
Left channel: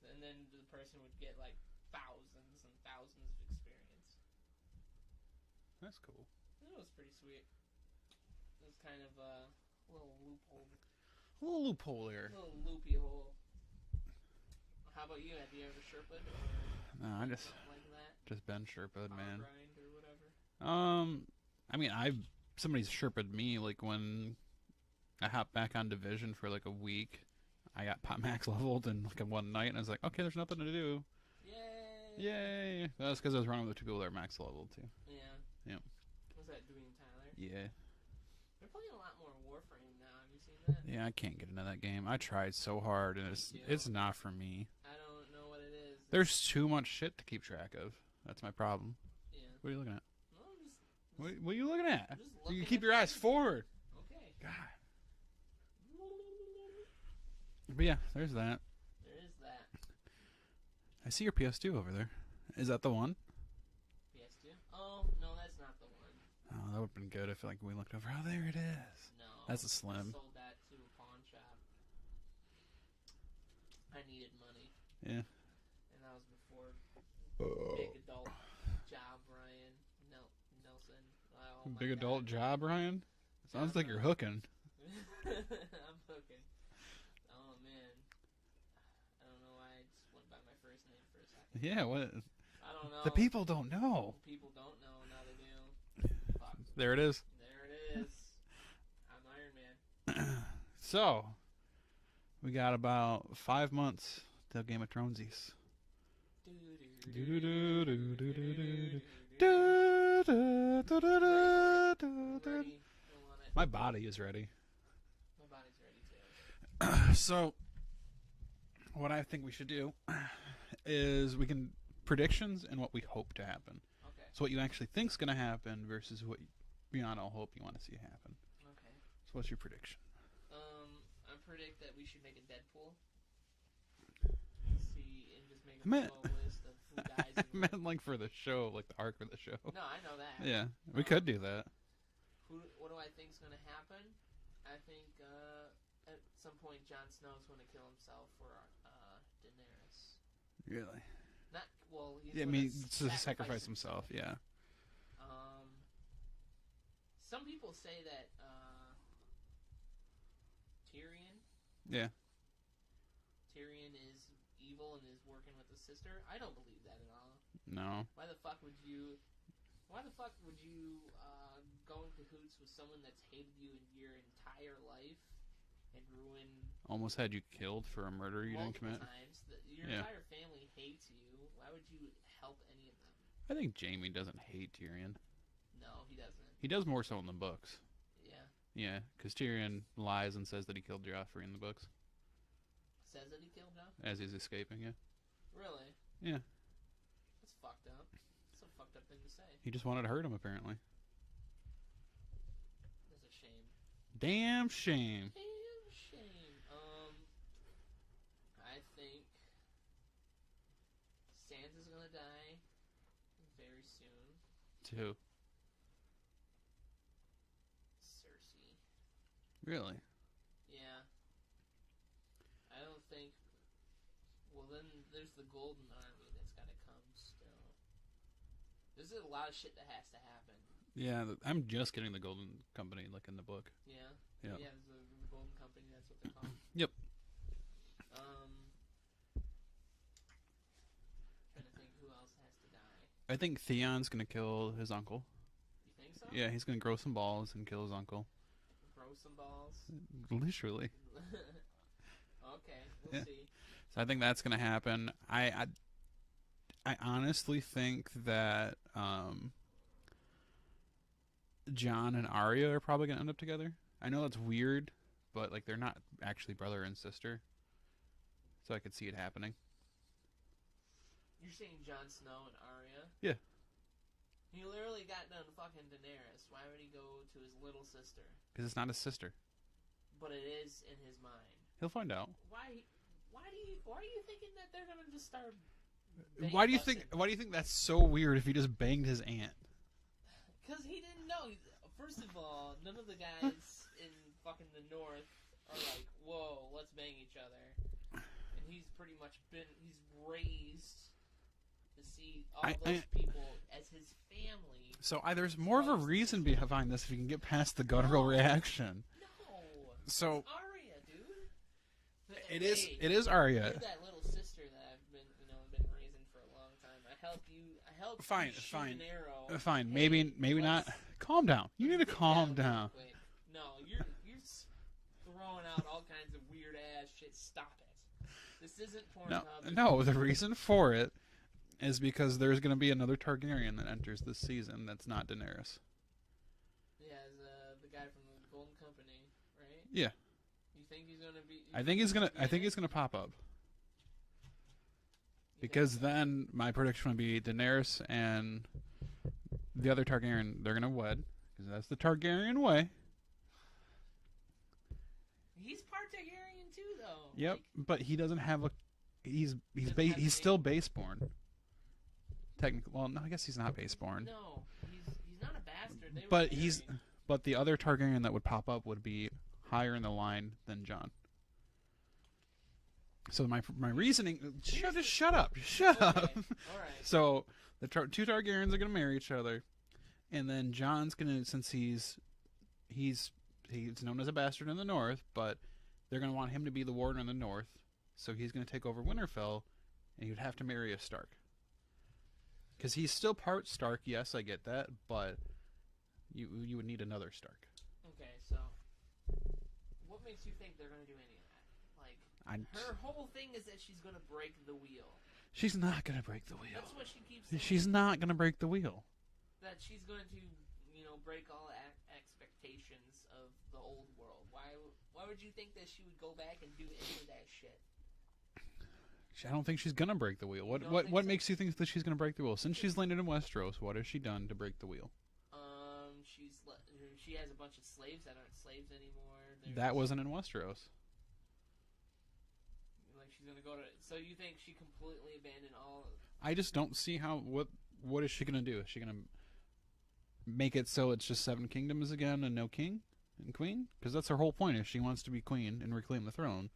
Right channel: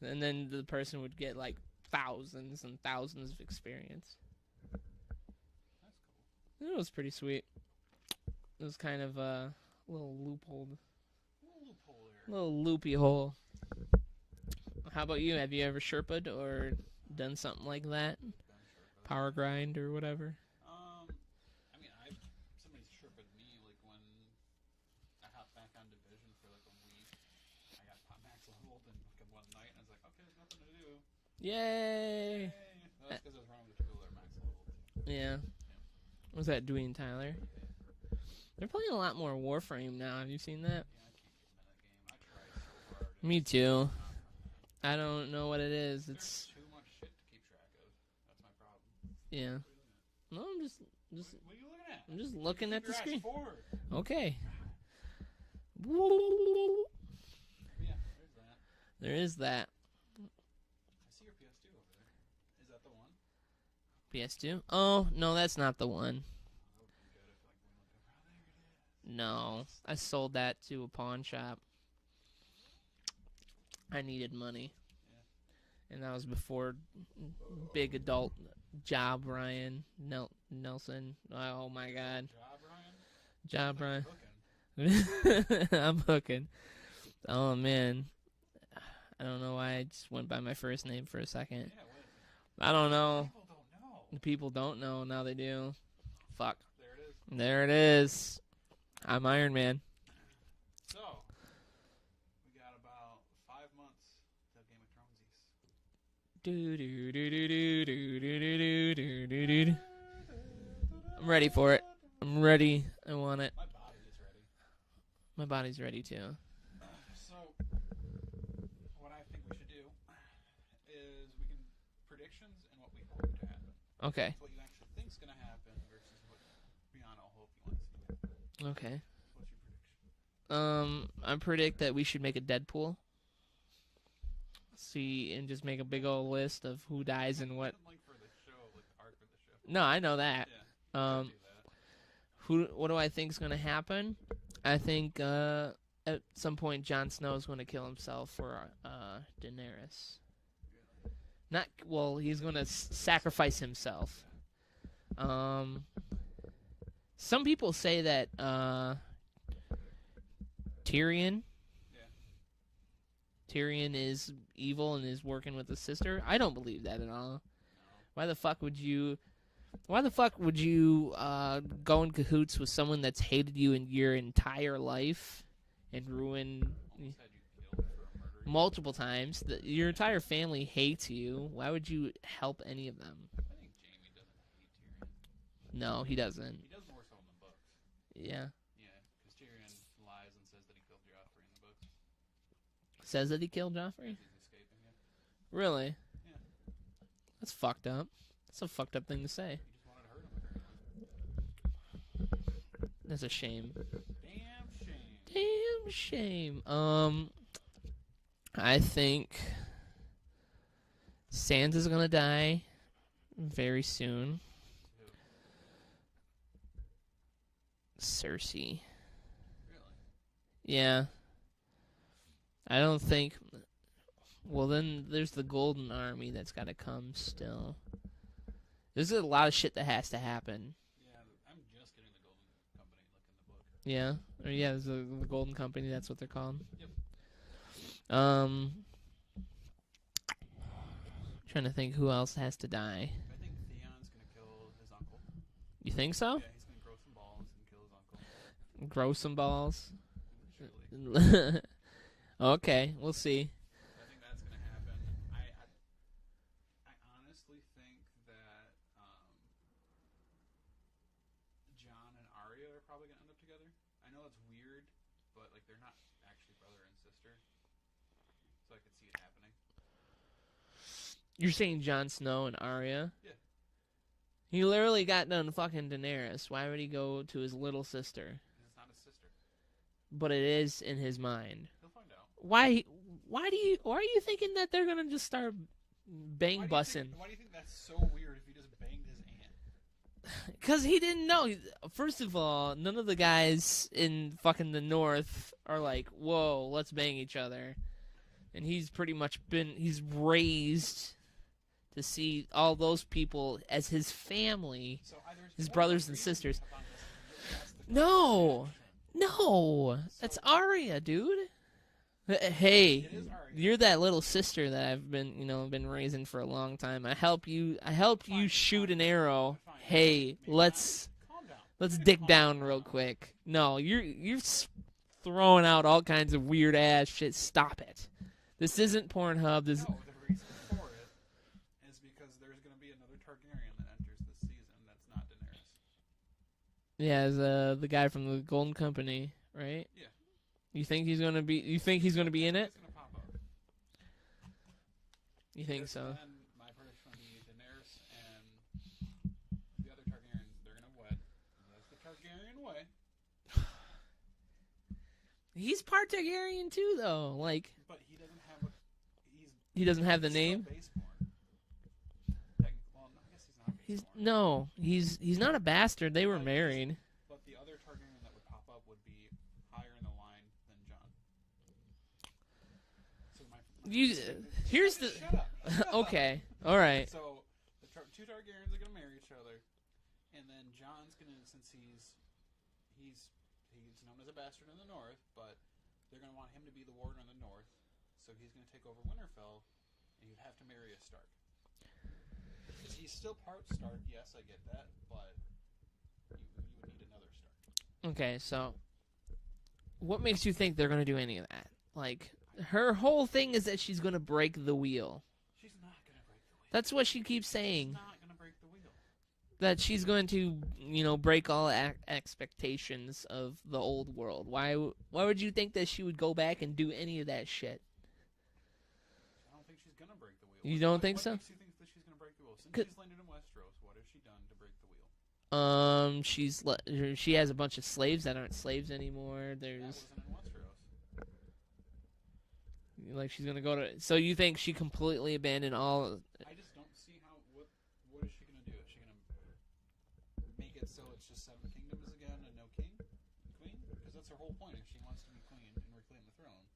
And then the person would get like thousands and thousands of experience. That's cool. It was pretty sweet. It was kind of a little loophole. A little loophole there. A little loopy hole. How about you? Have you ever Sherpa'd or done something like that? Just been Sherpa. Power grind or whatever? I mean, somebody's Sherpa'd me, like, when I hopped back on Division for, like, a week. I got max leveled in, like, one night, and I was like, okay, there's nothing to do. Yay! Yay! That's because I was running with 2 people that are max leveled, too. Yeah. Yep. Was that Dewey and Tyler? Yeah. They're playing a lot more Warframe now. Have you seen that? Yeah, I can't get into that game. I tried so hard. And Me too. It's not for me. I don't know what it is. There's too much shit to keep track of. That's my problem. Yeah. What are you looking at? No, I'm just What are you looking at? I'm just looking you keep at your the eyes screen. forward. Okay. God. But yeah, there's that. There is that. I see your PS2 over there. Is that the one? PS2? Oh, no, that's not the one. Oh, that would have been good if like we looked over. Oh, there it is. No. That's a Slim. I sold that to a pawn shop. I needed money. Yeah. And that was before big adult job Ryan Nelson. Oh my Big god. adult job, Ryan? Job Sounds like Ryan. you're hooking. I'm hooking. Oh man. I don't know why I just went by my first name for a second. Yeah, what? I don't know. The people don't know. The people don't know. Now they do. Fuck. There it is. There it is. I'm Iron Man. So, we got about 5 months till Game of Thronesies. I'm ready for it. I'm ready. I want it. My body is ready. My body's ready too. So, what I think we should do is we can predictions and what we hope to happen. Okay. So what you actually think's going to happen versus what beyond all hope you want to see happen. Okay. So what's your prediction? I predict that we should make a Deadpool. See, and just make a big old list of who dies and what. Like for the show, like the arc for the show. No, I know that. Yeah, we could do that. What do I think is going to happen? I think at some point Jon Snow is going to kill himself for Daenerys. Really? Not well. He's going to sacrifice himself. Yeah. Some people say that Tyrion. Yeah. Tyrion is evil and is working with his sister. I don't believe that at all. No. Why the fuck would you? Why the fuck would you go in cahoots with someone that's hated you in your entire life and ruin? Almost had you killed for a murder. Multiple times. Your entire family hates you. Why would you help any of them? I think Jaime doesn't hate Tyrion. No, he doesn't. He does more so in the books. Yeah. Yeah, because Tyrion lies and says that he killed Joffrey in the books. Says that he killed Joffrey? As he's escaping, yeah. Really? Yeah. That's fucked up. That's a fucked up thing to say. He just wanted to hurt him, apparently. That's a shame. Damn shame. Damn shame. I think Sansa's gonna die. very soon. To Cersei. really? Yeah. I don't think. Well, then there's the Golden Army that's got to come still. There's a lot of shit that has to happen. Yeah, I'm just getting the Golden Company, like in the book. Yeah? Or Yeah. yeah, there's the Golden Company, that's what they're called. Yep. Trying to think who else has to die. I think Theon's gonna kill his uncle. You think so? Yeah, he's gonna grow some balls and kill his uncle. Grow some balls? Literally. Okay, we'll Yeah. see. So I think that's gonna happen. I honestly think that Jon and Arya are probably gonna end up together. I know that's weird, but like they're not actually brother and sister, so I could see it happening. You're saying Jon Snow and Arya? Yeah. He literally got done fucking Daenerys. Why would he go to his little sister? Because it's not his sister. But it is in his mind. He'll find out. Why are you thinking that they're gonna just start bang Why do you busting? think? Why do you think that's so weird if he just banged his aunt? Because he didn't know. First of all, none of the guys in fucking the North are like, whoa, let's bang each other. And he's pretty much he's raised to see all those people as his family. So there's His more of a brothers and reason sisters. behind this if you can get past the guttural reaction. No, So- that's Arya, dude. Hey, It is Arya. you're that little sister that I've been raising for a long time. I help you Fine, shoot fine. an arrow. Fine. Hey, maybe let's not. Calm down. You let's need to dig calm down real quick. No, you're throwing out all kinds of weird ass shit. Stop it. This isn't Pornhub. No, the reason for it is because there's going to be another Targaryen that enters this season that's not Daenerys. Yeah, as the guy from the Golden Company, right? Yeah. You think he's gonna be? You I think he's gonna be I in think it? he's going to pop up. You think Because so? then my prediction would be Daenerys and the other Targaryen, they're going to wed. 'Cause that's the Targaryen way. He's part Targaryen too, though. Yep, Like but he doesn't have a. He doesn't have the He's still name? baseborn. Technically, well, no, I guess he's not baseborn. no, he's not a bastard. They were But he's- married. But the other Targaryen that would pop up would be higher in the line than Jon. So my You- reasoning. here's just the- shut up. Shut Okay, all right. So the two Targaryens are gonna marry each other, and then Jon's gonna, since he's known as a bastard in the North, but they're gonna want him to be the warden in the North, so he's gonna take over Winterfell, and he'd have to marry a Stark. Because he's still part Stark, yes, I get that, but you would need another Stark. Okay, so what makes you think they're gonna do any of that? Like I- her whole thing is that she's gonna break the wheel. She's not gonna break the wheel. That's what she keeps saying. She's not gonna break the wheel. That she's going to, break all expectations of the old world. Why would you think that she would go back and do any of that shit? I don't think she's gonna break the wheel. You don't think what so? makes you think that she's gonna break the wheel? Since she's landed in Westeros, what has she done to break the wheel? She has a bunch of slaves that aren't slaves anymore. That wasn't in Westeros. Like she's gonna go to. So you think she completely abandoned all? I just don't see how. What is she gonna do? Is she gonna make it so it's just 7 kingdoms again and no king and queen? Because that's her whole point. Is she wants to be queen and reclaim the throne.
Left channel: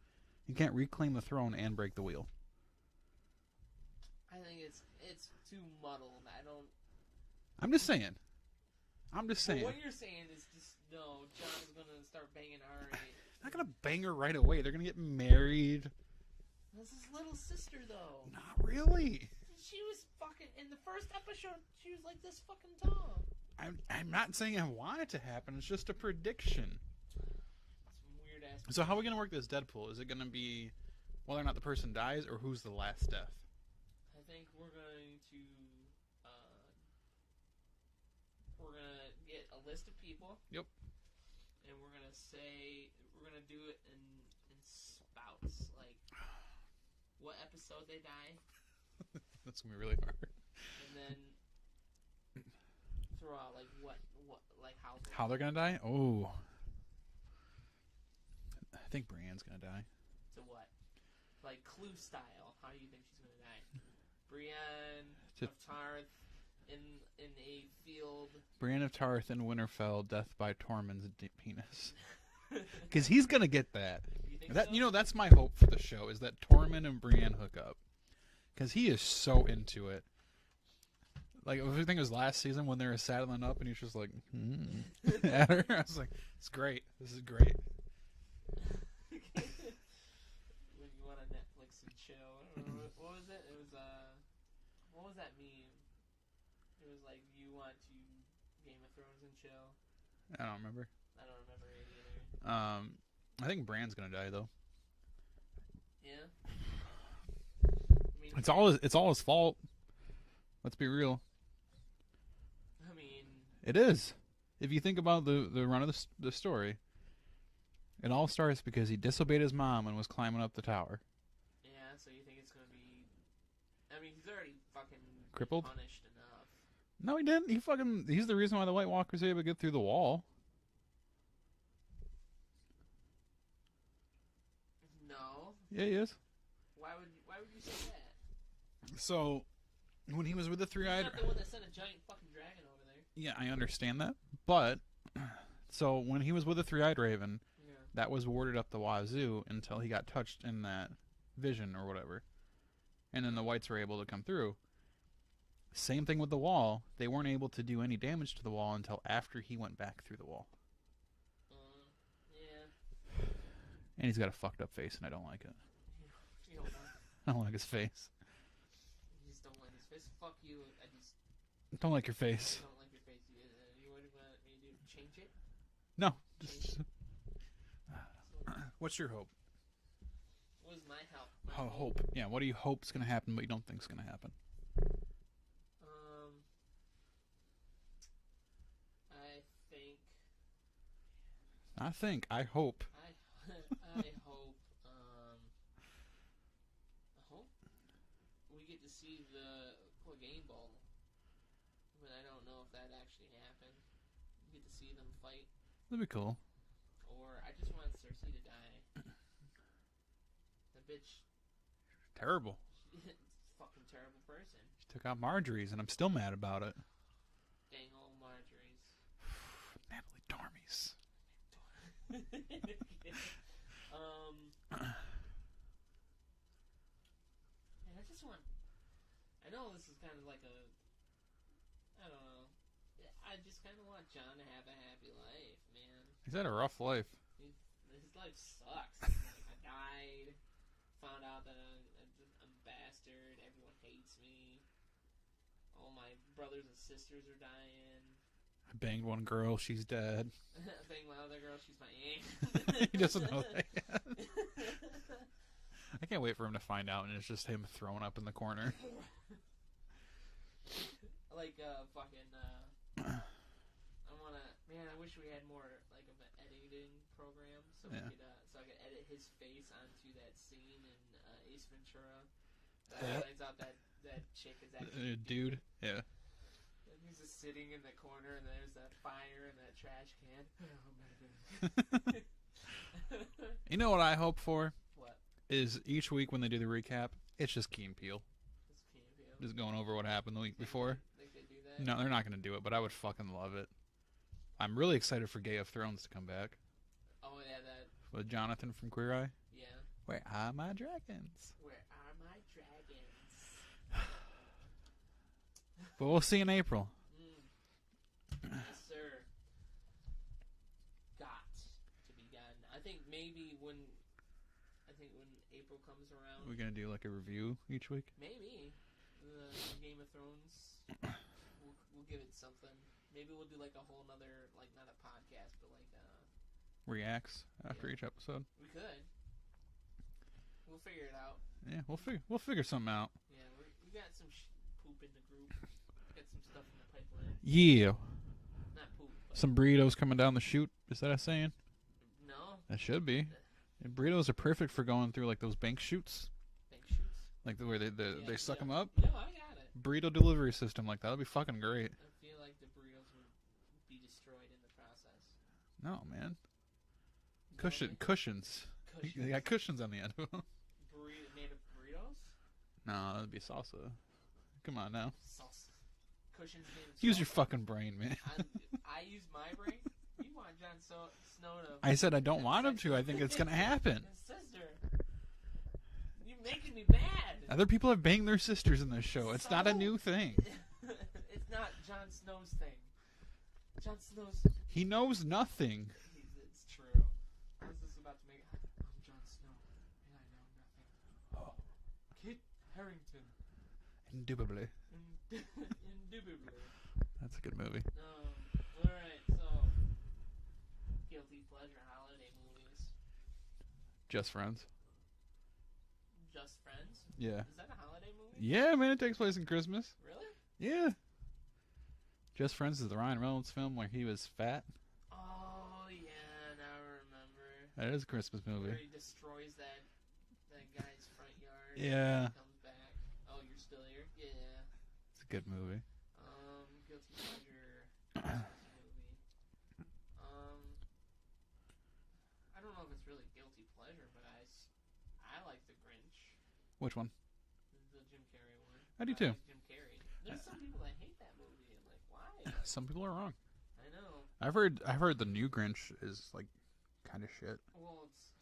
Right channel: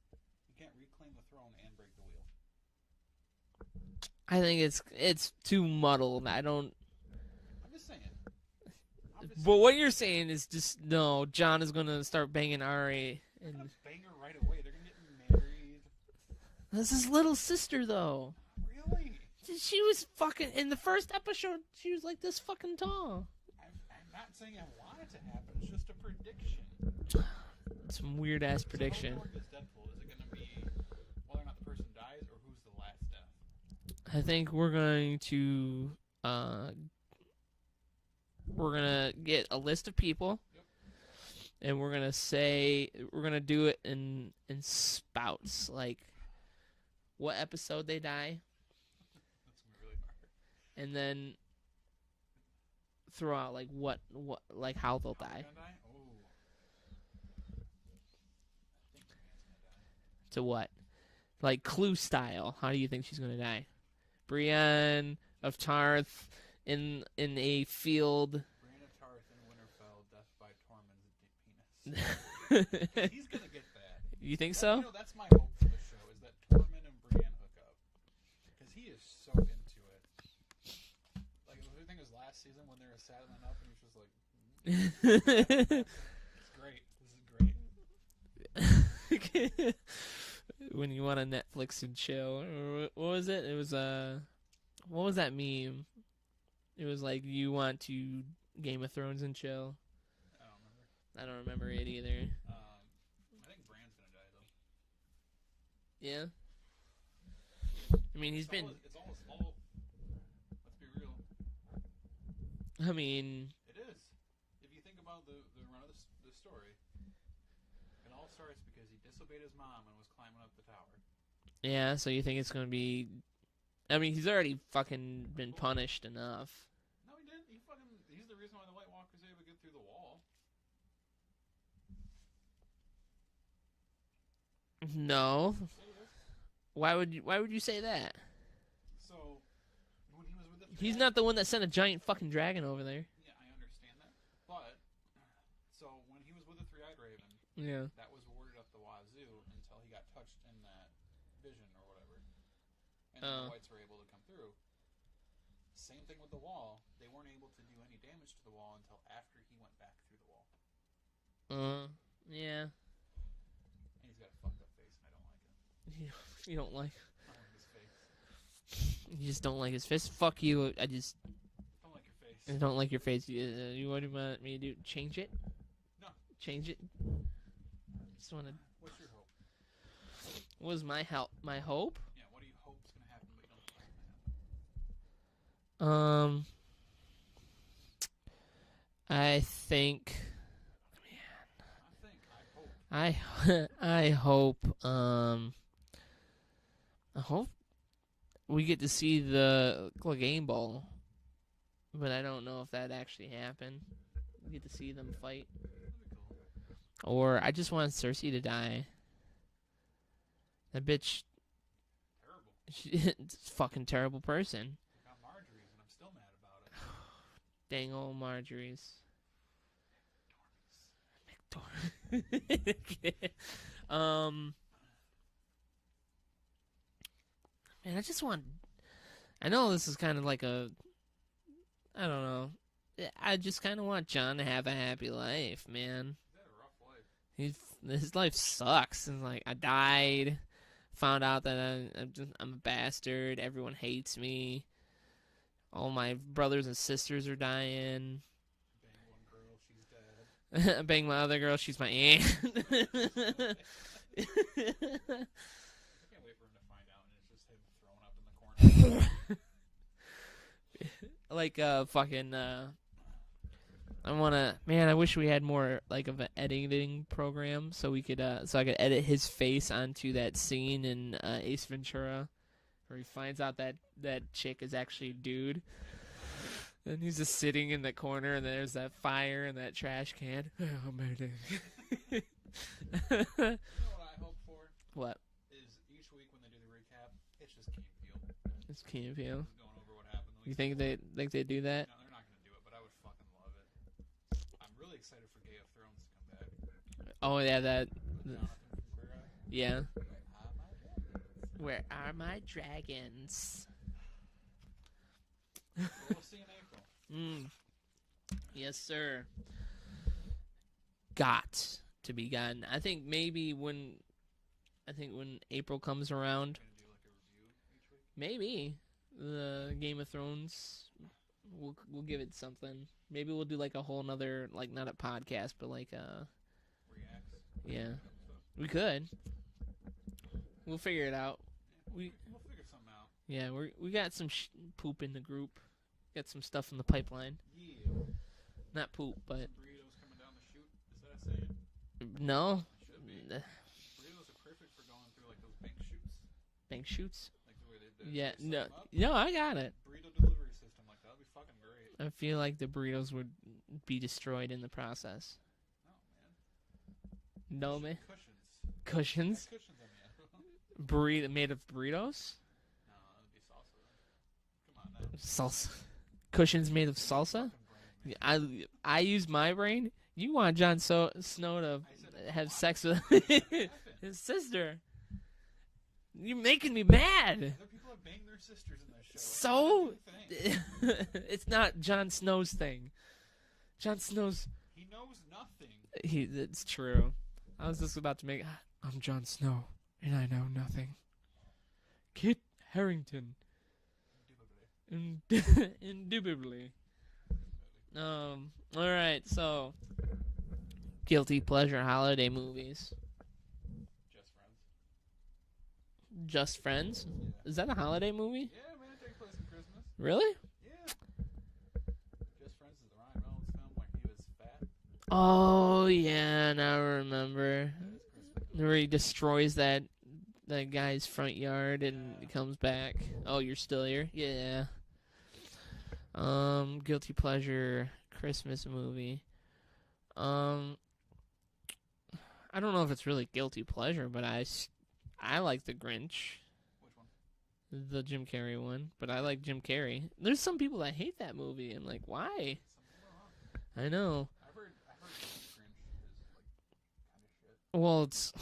You can't reclaim the throne and break the wheel. I think it's too muddled. I'm just saying. But what you're saying is just no. Jon is gonna start banging Ari. They're not gonna bang her right away. They're gonna get married. That's his little sister, though. Not really. She was fucking in the first episode. She was like this fucking tall. I'm not saying I want it to happen. It's just a prediction. Some weird ass So prediction. how are we gonna work this Deadpool? Is it gonna be whether or not the person dies, or who's the last death? I think we're going to get a list of people. Yep. And we're gonna do it in spouts, like what episode they die, That's gonna be really hard. and then throw out like what like how they'll How die. they're gonna die? Oh, I think Brienne's gonna die. To what? Like Clue style. How do you think she's gonna die? Brienne of Tarth in a field. Brienne of Tarth and Winterfell, death by Tormund's penis. Because he's gonna get that. You think That- so? You know, that's my hope for the show is that Tormund and Brienne hook up. Because he is so into it. Like, I think it was last season when they were saddling up and he's just like, I was like, it's great. This is great. When you want to Netflix and chill. Or what was it? It was what was that meme? It was like, you want to Game of Thrones and chill. I don't remember. I don't remember it either. I think Bran's gonna die though. Yeah. I mean, It's all his fault. Let's be real. I mean, It is. If you think about the run of the story, it all starts because he disobeyed his mom and was climbing up the tower. yeah. So you think it's gonna be? I mean, he's already fucking been Crippled? punished enough. No, he didn't. He's the reason why the White Walkers are able to get through the wall. No. Yeah, he is. Why would you say that? So, when he was with the three, He's not the one that sent a giant fucking dragon over there. Yeah, I understand that, but so when he was with the three-eyed raven, Yeah. that was warded up the wazoo until he got touched in that vision or whatever, and then the Oh. whites were able to come through. Same thing with the wall; they weren't able to do any damage to the wall until after he went back through the wall. Yeah. And he's got a fucked up face, and I don't like it. You don't like. I don't like his face. You just don't like his face. Fuck you. I just Don't like your face. don't like your face. You what do you want me to do? Change it? No. Change it? Just wanna, What's your hope? what was my help? My Oh, hope? Yeah, what do you hope's gonna happen, but you don't think's gonna happen? I think. I hope. I I hope. I hope we get to see the Clegane Bowl, but I don't know if that actually happened. We get to see them fight, That'd be cool. or I just want Cersei to die. That bitch, Terrible. she's a fucking terrible person. Took out Marjorie's, and I'm still mad about it. Dang old Marjorie's. Natalie Dormies. Man, I just want. I know this is kind of like a. I don't know. I just kind of want John to have a happy life, man. He's had a rough life. His life sucks, and like I died, found out that I'm a bastard. Everyone hates me. All my brothers and sisters are dying. I banged one girl. She's dead. I banged my other girl. She's my aunt. He doesn't know that yet. I can't wait for him to find out, and it's just him throwing up in the corner. Like fucking I wanna, man, I wish we had more like of an editing program so we could so I could edit his face onto that scene in Ace Ventura where he finds out that chick is actually a dude. Yeah. And he's just sitting in the corner and there's that fire and that trash can. Oh my. You know what I hope for? What? Is each week when they do the recap, it's just Key and Peele. It's Key and Peele. Just going over what happened the week You think before. they do that? No, they're not going to do it, but I would fucking love it. I'm really excited for Game of Thrones to come back. Oh yeah, that. With Jonathan from Queer Eye. Yeah. Where are my dragons? Where are my dragons? But we'll see in April. Yes, sir. Got to be gotten. I think maybe when April comes around, We're going to do like a review each week. maybe the Game of Thrones. We'll give it something. Maybe we'll do like a whole nother, like not a podcast, but like Reacts after Yeah. each episode. we could. We'll figure it out. Yeah, we'll figure something out. Yeah, we got some poop in the group. Got some stuff in the pipeline. Yeah. Not poop, but Some burritos coming down the chute. Is that a saying? no That should be. And burritos are perfect for going through like those bank chutes, bank shoots. like where they suck no, them up. No, I got it. Burrito delivery system like that would be fucking great. I feel like the burritos would be destroyed in the process. No, man. No, man. Cushions. Cushions? You got cushions on the end of them. Burrito made of burritos? No, that'd be salsa. Come on now. Salsa. cushions made of Use salsa. your fucking brain, man. I use my brain. You want Jon Snow to I said I don't have want sex him to. I with think it's gonna happen. his sister. You're making me mad. Other people have banged their sisters in this show. It's not a new thing. It's not Jon Snow's thing. Jon Snow's. He knows nothing. It's true. I was just about to make. I'm Jon Snow, and I know nothing. Kit Harington. Indubitably. Indubitably. That's a good movie. All right. So, guilty pleasure holiday movies. Just Friends. Just Friends. Yeah. Is that a holiday movie? Yeah, man, it takes place in Christmas. Really? Yeah. Just Friends is the Ryan Reynolds film where he was fat. Oh yeah, now I remember. That is a Christmas movie. Where he destroys that guy's front yard and Yeah. he comes back. Oh, you're still here? Yeah. It's a good movie. Guilty pleasure Christmas movie. I don't know if it's really guilty pleasure, but I like The Grinch, Which one? the Jim Carrey one. I But do I too. like Jim Carrey. There's some people that hate that movie. I'm like, why? Some people are wrong. I know. I've heard the new Grinch is like kind of shit. Well, it's.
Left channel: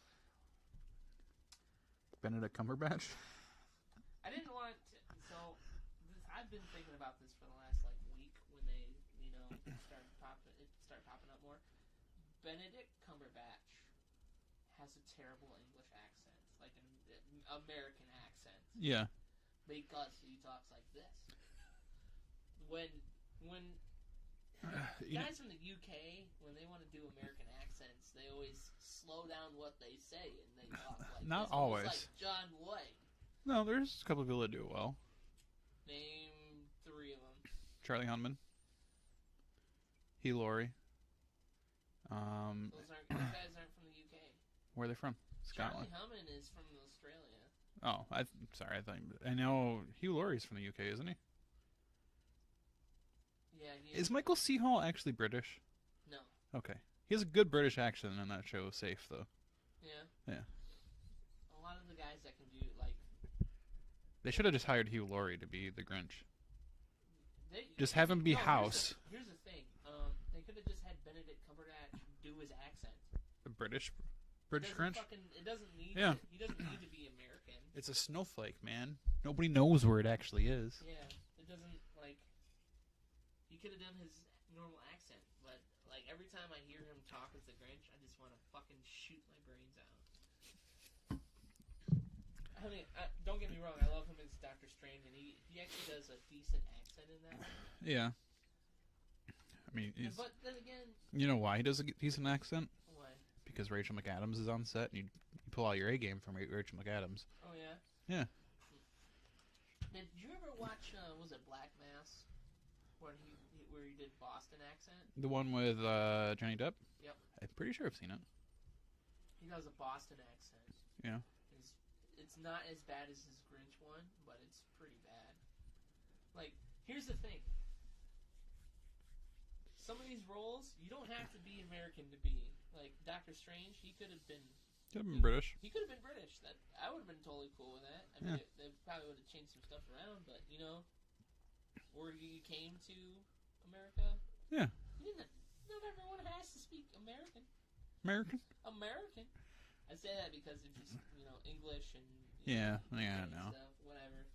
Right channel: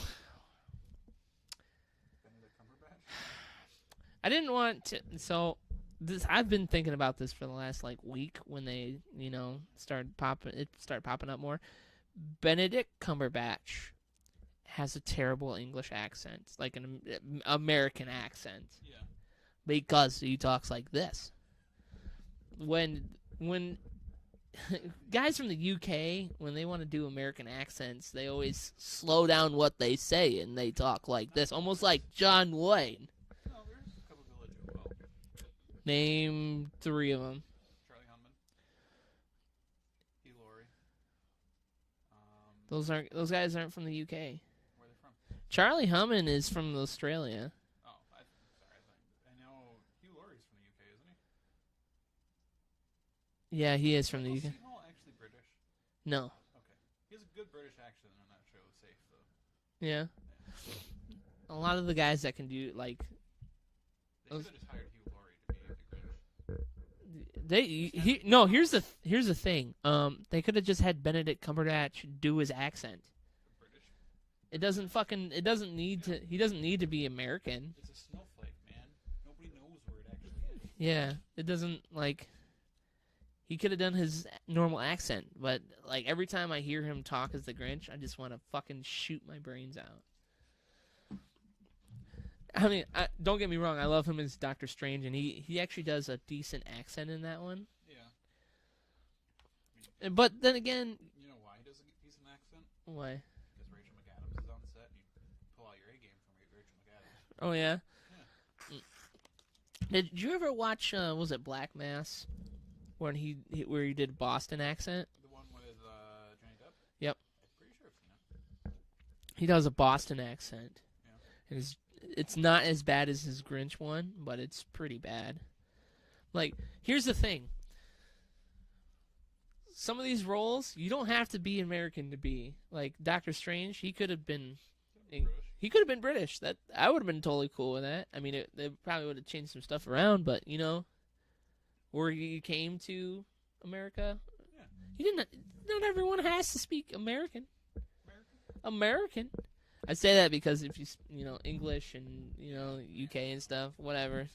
Benedict Cumberbatch. I didn't want to. So, I've been thinking about this for the last like week when they, started popping up more. Benedict Cumberbatch has a terrible English accent, like an American accent, Yeah. because he talks like this. When guys from the UK, when they want to do American accents, they always slow down what they say and they talk like Not this, almost always. like John Wayne. No, there's a couple of people that do it well. Name 3 of them. Charlie Hunnam. Hugh Laurie. Those guys aren't from the UK. Where are they from? Charlie Hunnam is from Australia. Oh, sorry. I know Hugh Laurie's from the UK, isn't he? Yeah, he is Is from Michael the UK. C. Hall actually British? No. Okay. He has a good British accent in that show, Safe, though. Yeah. Yeah. A lot of the guys that can do like They should have just hired Hugh Laurie to be the Grinch. Just have him be no. House. Here's the thing. They could have just had Benedict Cumberbatch do his accent. The British It doesn't Grinch? fucking. It doesn't need Yeah. to. He doesn't need to be American. It's a snowflake, man. Nobody knows where it actually is. Yeah. It doesn't like. He could have done his normal accent, but like every time I hear him talk as the Grinch, I just want to fucking shoot my brains out. I mean, don't get me wrong. I love him as Doctor Strange, and he actually does a decent accent in that one. Yeah. I mean, But then again, you know why he does a decent accent? why? Because Rachel McAdams is on set, and you pull out your A game from Rachel McAdams. Oh yeah. Yeah. Did you ever watch? Was it Black Mass, when where he did Boston accent? The one with Johnny Depp? Yep. I'm pretty sure I've seen it. He does a Boston accent. Yeah. It's not as bad as his Grinch one, but it's pretty bad. Like, here's the thing. Some of these roles, you don't have to be American to be. Like, Doctor Strange, he could have been... Could have been British. He could have been British. That I would have been totally cool with that. I mean, Yeah. they probably would have changed some stuff around, but, where he came to America... Yeah. He didn't... Not everyone has to speak American. American? I say that because if you English and Yeah, UK I and know. stuff, whatever.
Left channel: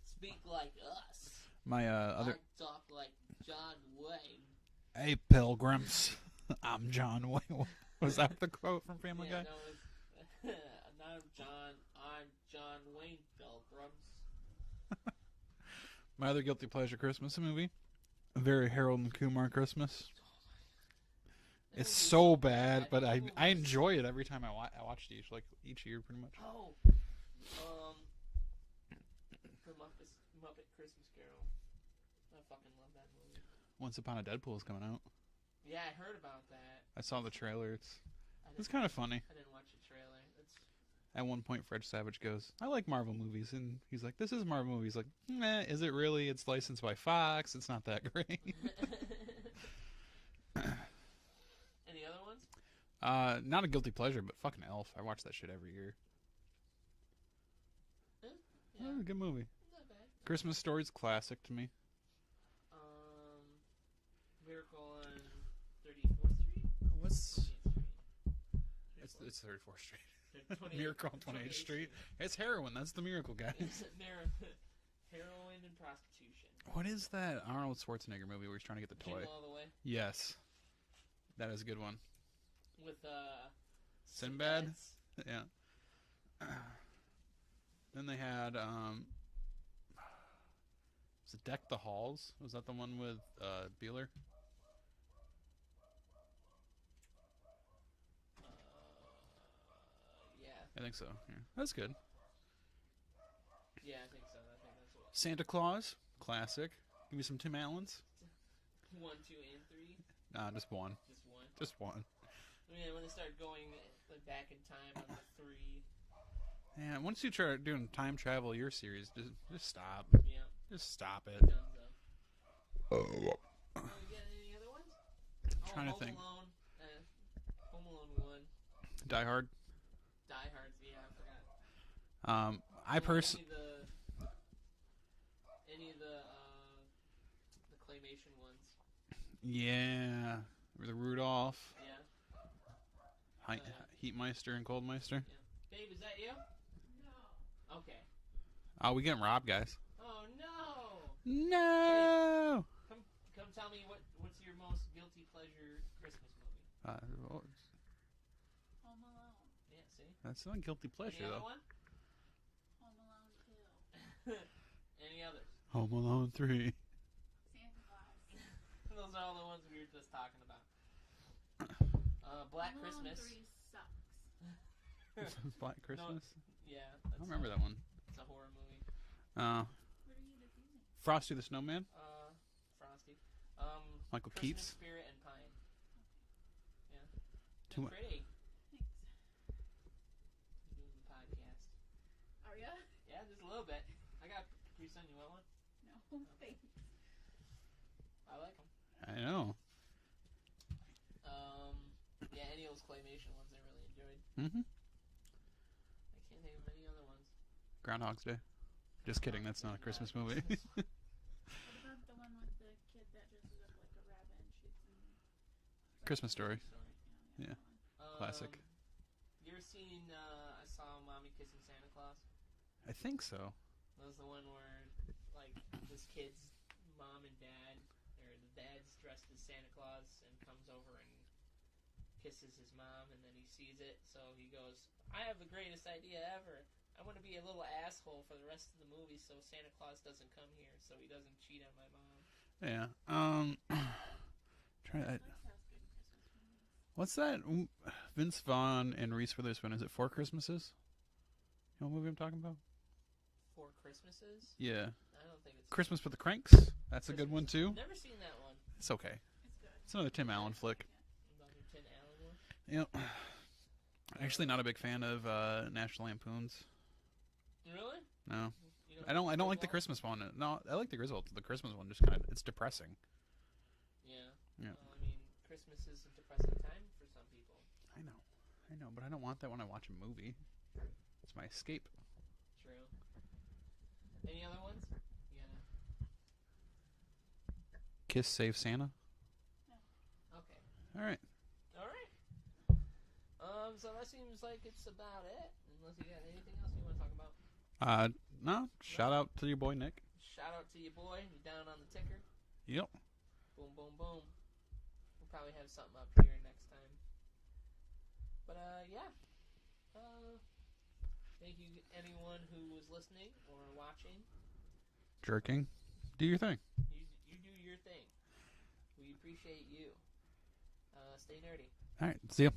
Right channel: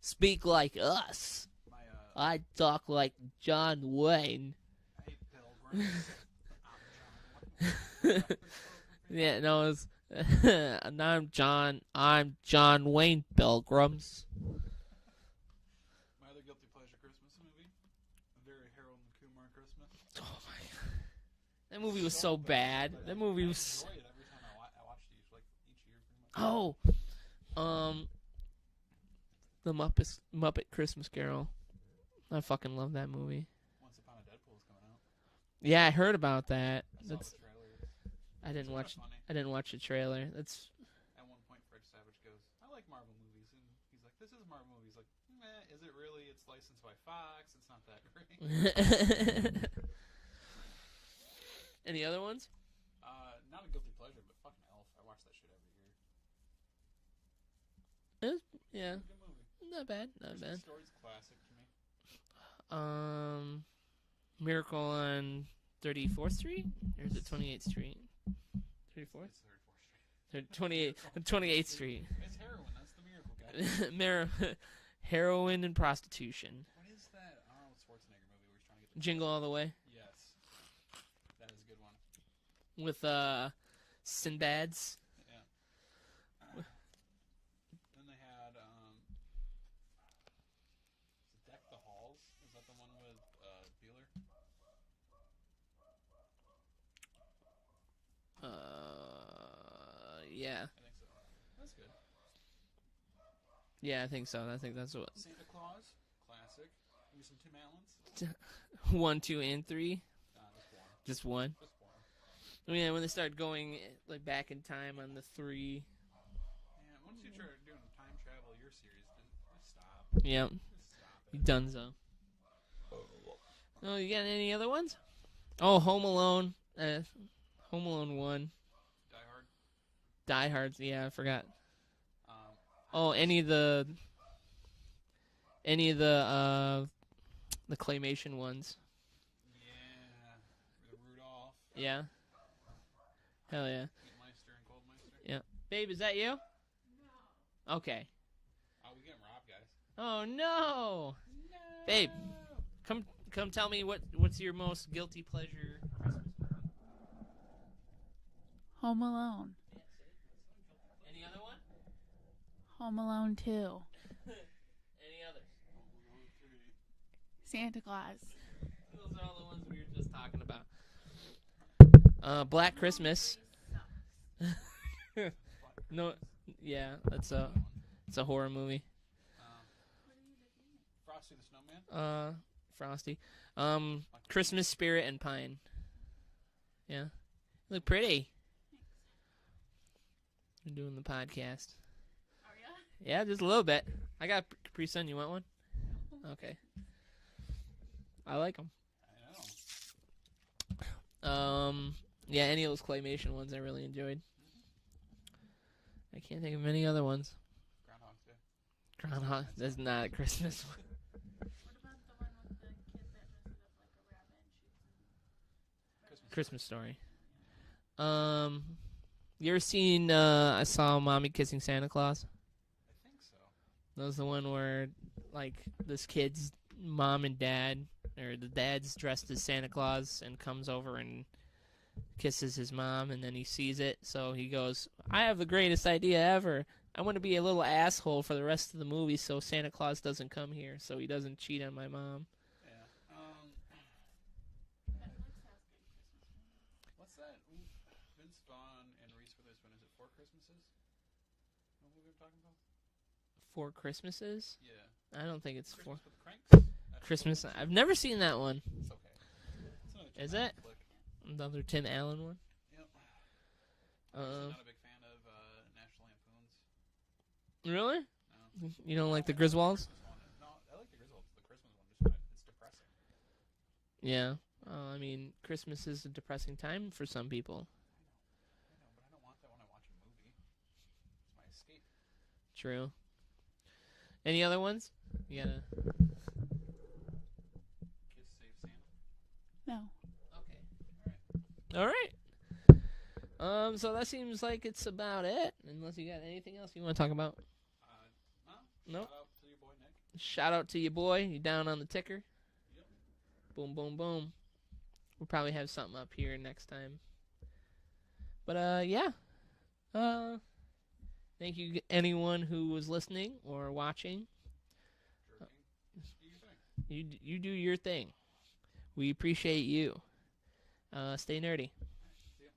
Speak like us. My I talk like John Wayne. Hey, pilgrims. I'm John Wayne. Was that the quote from Family Yeah, Guy? no, it's and I'm John Wayne, pilgrims. My other guilty pleasure Christmas movie, a very Harold and Kumar Christmas. Oh my god. That It's movie was so bad. but That I movie was- enjoy it every time I watch it each year pretty much. Oh. The Muppet Christmas Carol. I fucking love that movie. Once Upon a Deadpool is coming out. Yeah, I heard about that. I saw the trailer. I It's didn't kind watch. of funny. I didn't watch the trailer. That's At one point, Fred Savage goes, "I like Marvel movies," and he's like, "This is a Marvel movie." He's like, "Nah, is it really? It's licensed by Fox. It's not that great." Any other ones? Not a guilty pleasure, but fucking Elf. I watch that shit every year. Yeah, Good movie. not bad. Not Christmas bad. Story's classic to me. Miracle on 34th Street? Or is it 28th Street? 34th? It's 34th Street. 28th Street. It's heroin. That's the miracle guy. Heroin and prostitution. What is that Arnold Schwarzenegger movie where he's trying to get the Jingle toy? All the Way. Yes. That is a good one. With Sinbad's. Yeah. Then they had was it Deck the Halls? Was that the one with Beeler? Yeah. I think so. Yeah. That's good. Yeah, I think so. I think that's what. Santa Claus, classic. Give me some Tim Allen's. 1, 2, and 3. Nah, just one. Just one. Just one. Oh, yeah, when they start going like back in time on the 3. Yeah, once you try doing time travel your series, just stop. Yeah. Just stop it. Dunzo. Oh, you got any other ones? Oh, Home Alone. Home Alone 1. Die Hard. Die Hard. Yeah, I forgot. Any of the claymation ones. Yeah. The Rudolph. Yeah. Hell yeah. Heatmeister and Coldmeister. Yeah. Babe, is that you? No. Okay. Oh, we getting robbed, guys. Oh no. No. Babe, come tell me what's your most guilty pleasure Christmas movie? Home Alone. Yeah, see? That's not guilty pleasure Any other though. one? Home Alone 2. Any others? Home Alone 3. Santa Claus. Those are all the ones we were just talking about. Black Christmas. Black Christmas. No, yeah, that's I remember that one. it's a horror movie. Frosty the Snowman. Frosty. Michael Christmas Keats. Spirit and Pine. Yeah, look pretty. We're doing the podcast. Are ya? Yeah, just a little bit. I got Capri Sun. You want one? Okay. I like them. I know. Yeah, any of those claymation ones I really enjoyed. Mm-hmm. I can't think of any other ones. Groundhog's Day. Just kidding. That's not a Christmas one. What about the one with the kid that dresses up like a rabbit and shoots him? Christmas Story. Story. Yeah. Um, you ever seen? I saw Mommy Kissing Santa Claus. I think so. That was the one where, like, this kid's mom and dad, or the dad's dressed as Santa Claus and comes over and kisses his mom, and then he sees it, so he goes, I have the greatest idea ever. I want to be a little asshole for the rest of the movie so Santa Claus doesn't come here, so he doesn't cheat on my mom. Yeah. What's that? Vince Vaughn and Reese Witherspoon. Is it Four Christmases? You know what movie I'm talking about? 4 Christmases? Yeah. I don't think it's Christmas with the Cranks. That's Christmas. a good one too. I've never seen that one. It's okay. It's another Tim Is Allen it? flick. Another Tim Allen one? Yep. I'm actually not a big fan of National Lampoons. Really? No. You don't I like don't the like the Griswolds? Christmas one. No, I like the Griswolds. The Christmas one just kind of, it's depressing. Yeah. Yeah. I mean, Christmas is a depressing time for some people. I know, but I don't want that when I watch a movie. It's my escape. True. Any other ones? You gotta... Kiss Save Santa. No. Okay. All right. All right. So that seems like it's about it. Unless you got anything else you want to talk about. No. Shout out to your boy Nick. Shout out to your boy. You down on the ticker? Yep. Boom, boom, boom. We'll probably have something up here next time. But yeah. Thank you anyone who was listening or watching. Jerking. Do your thing. You do your thing. We appreciate you. Stay nerdy. All right. See ya.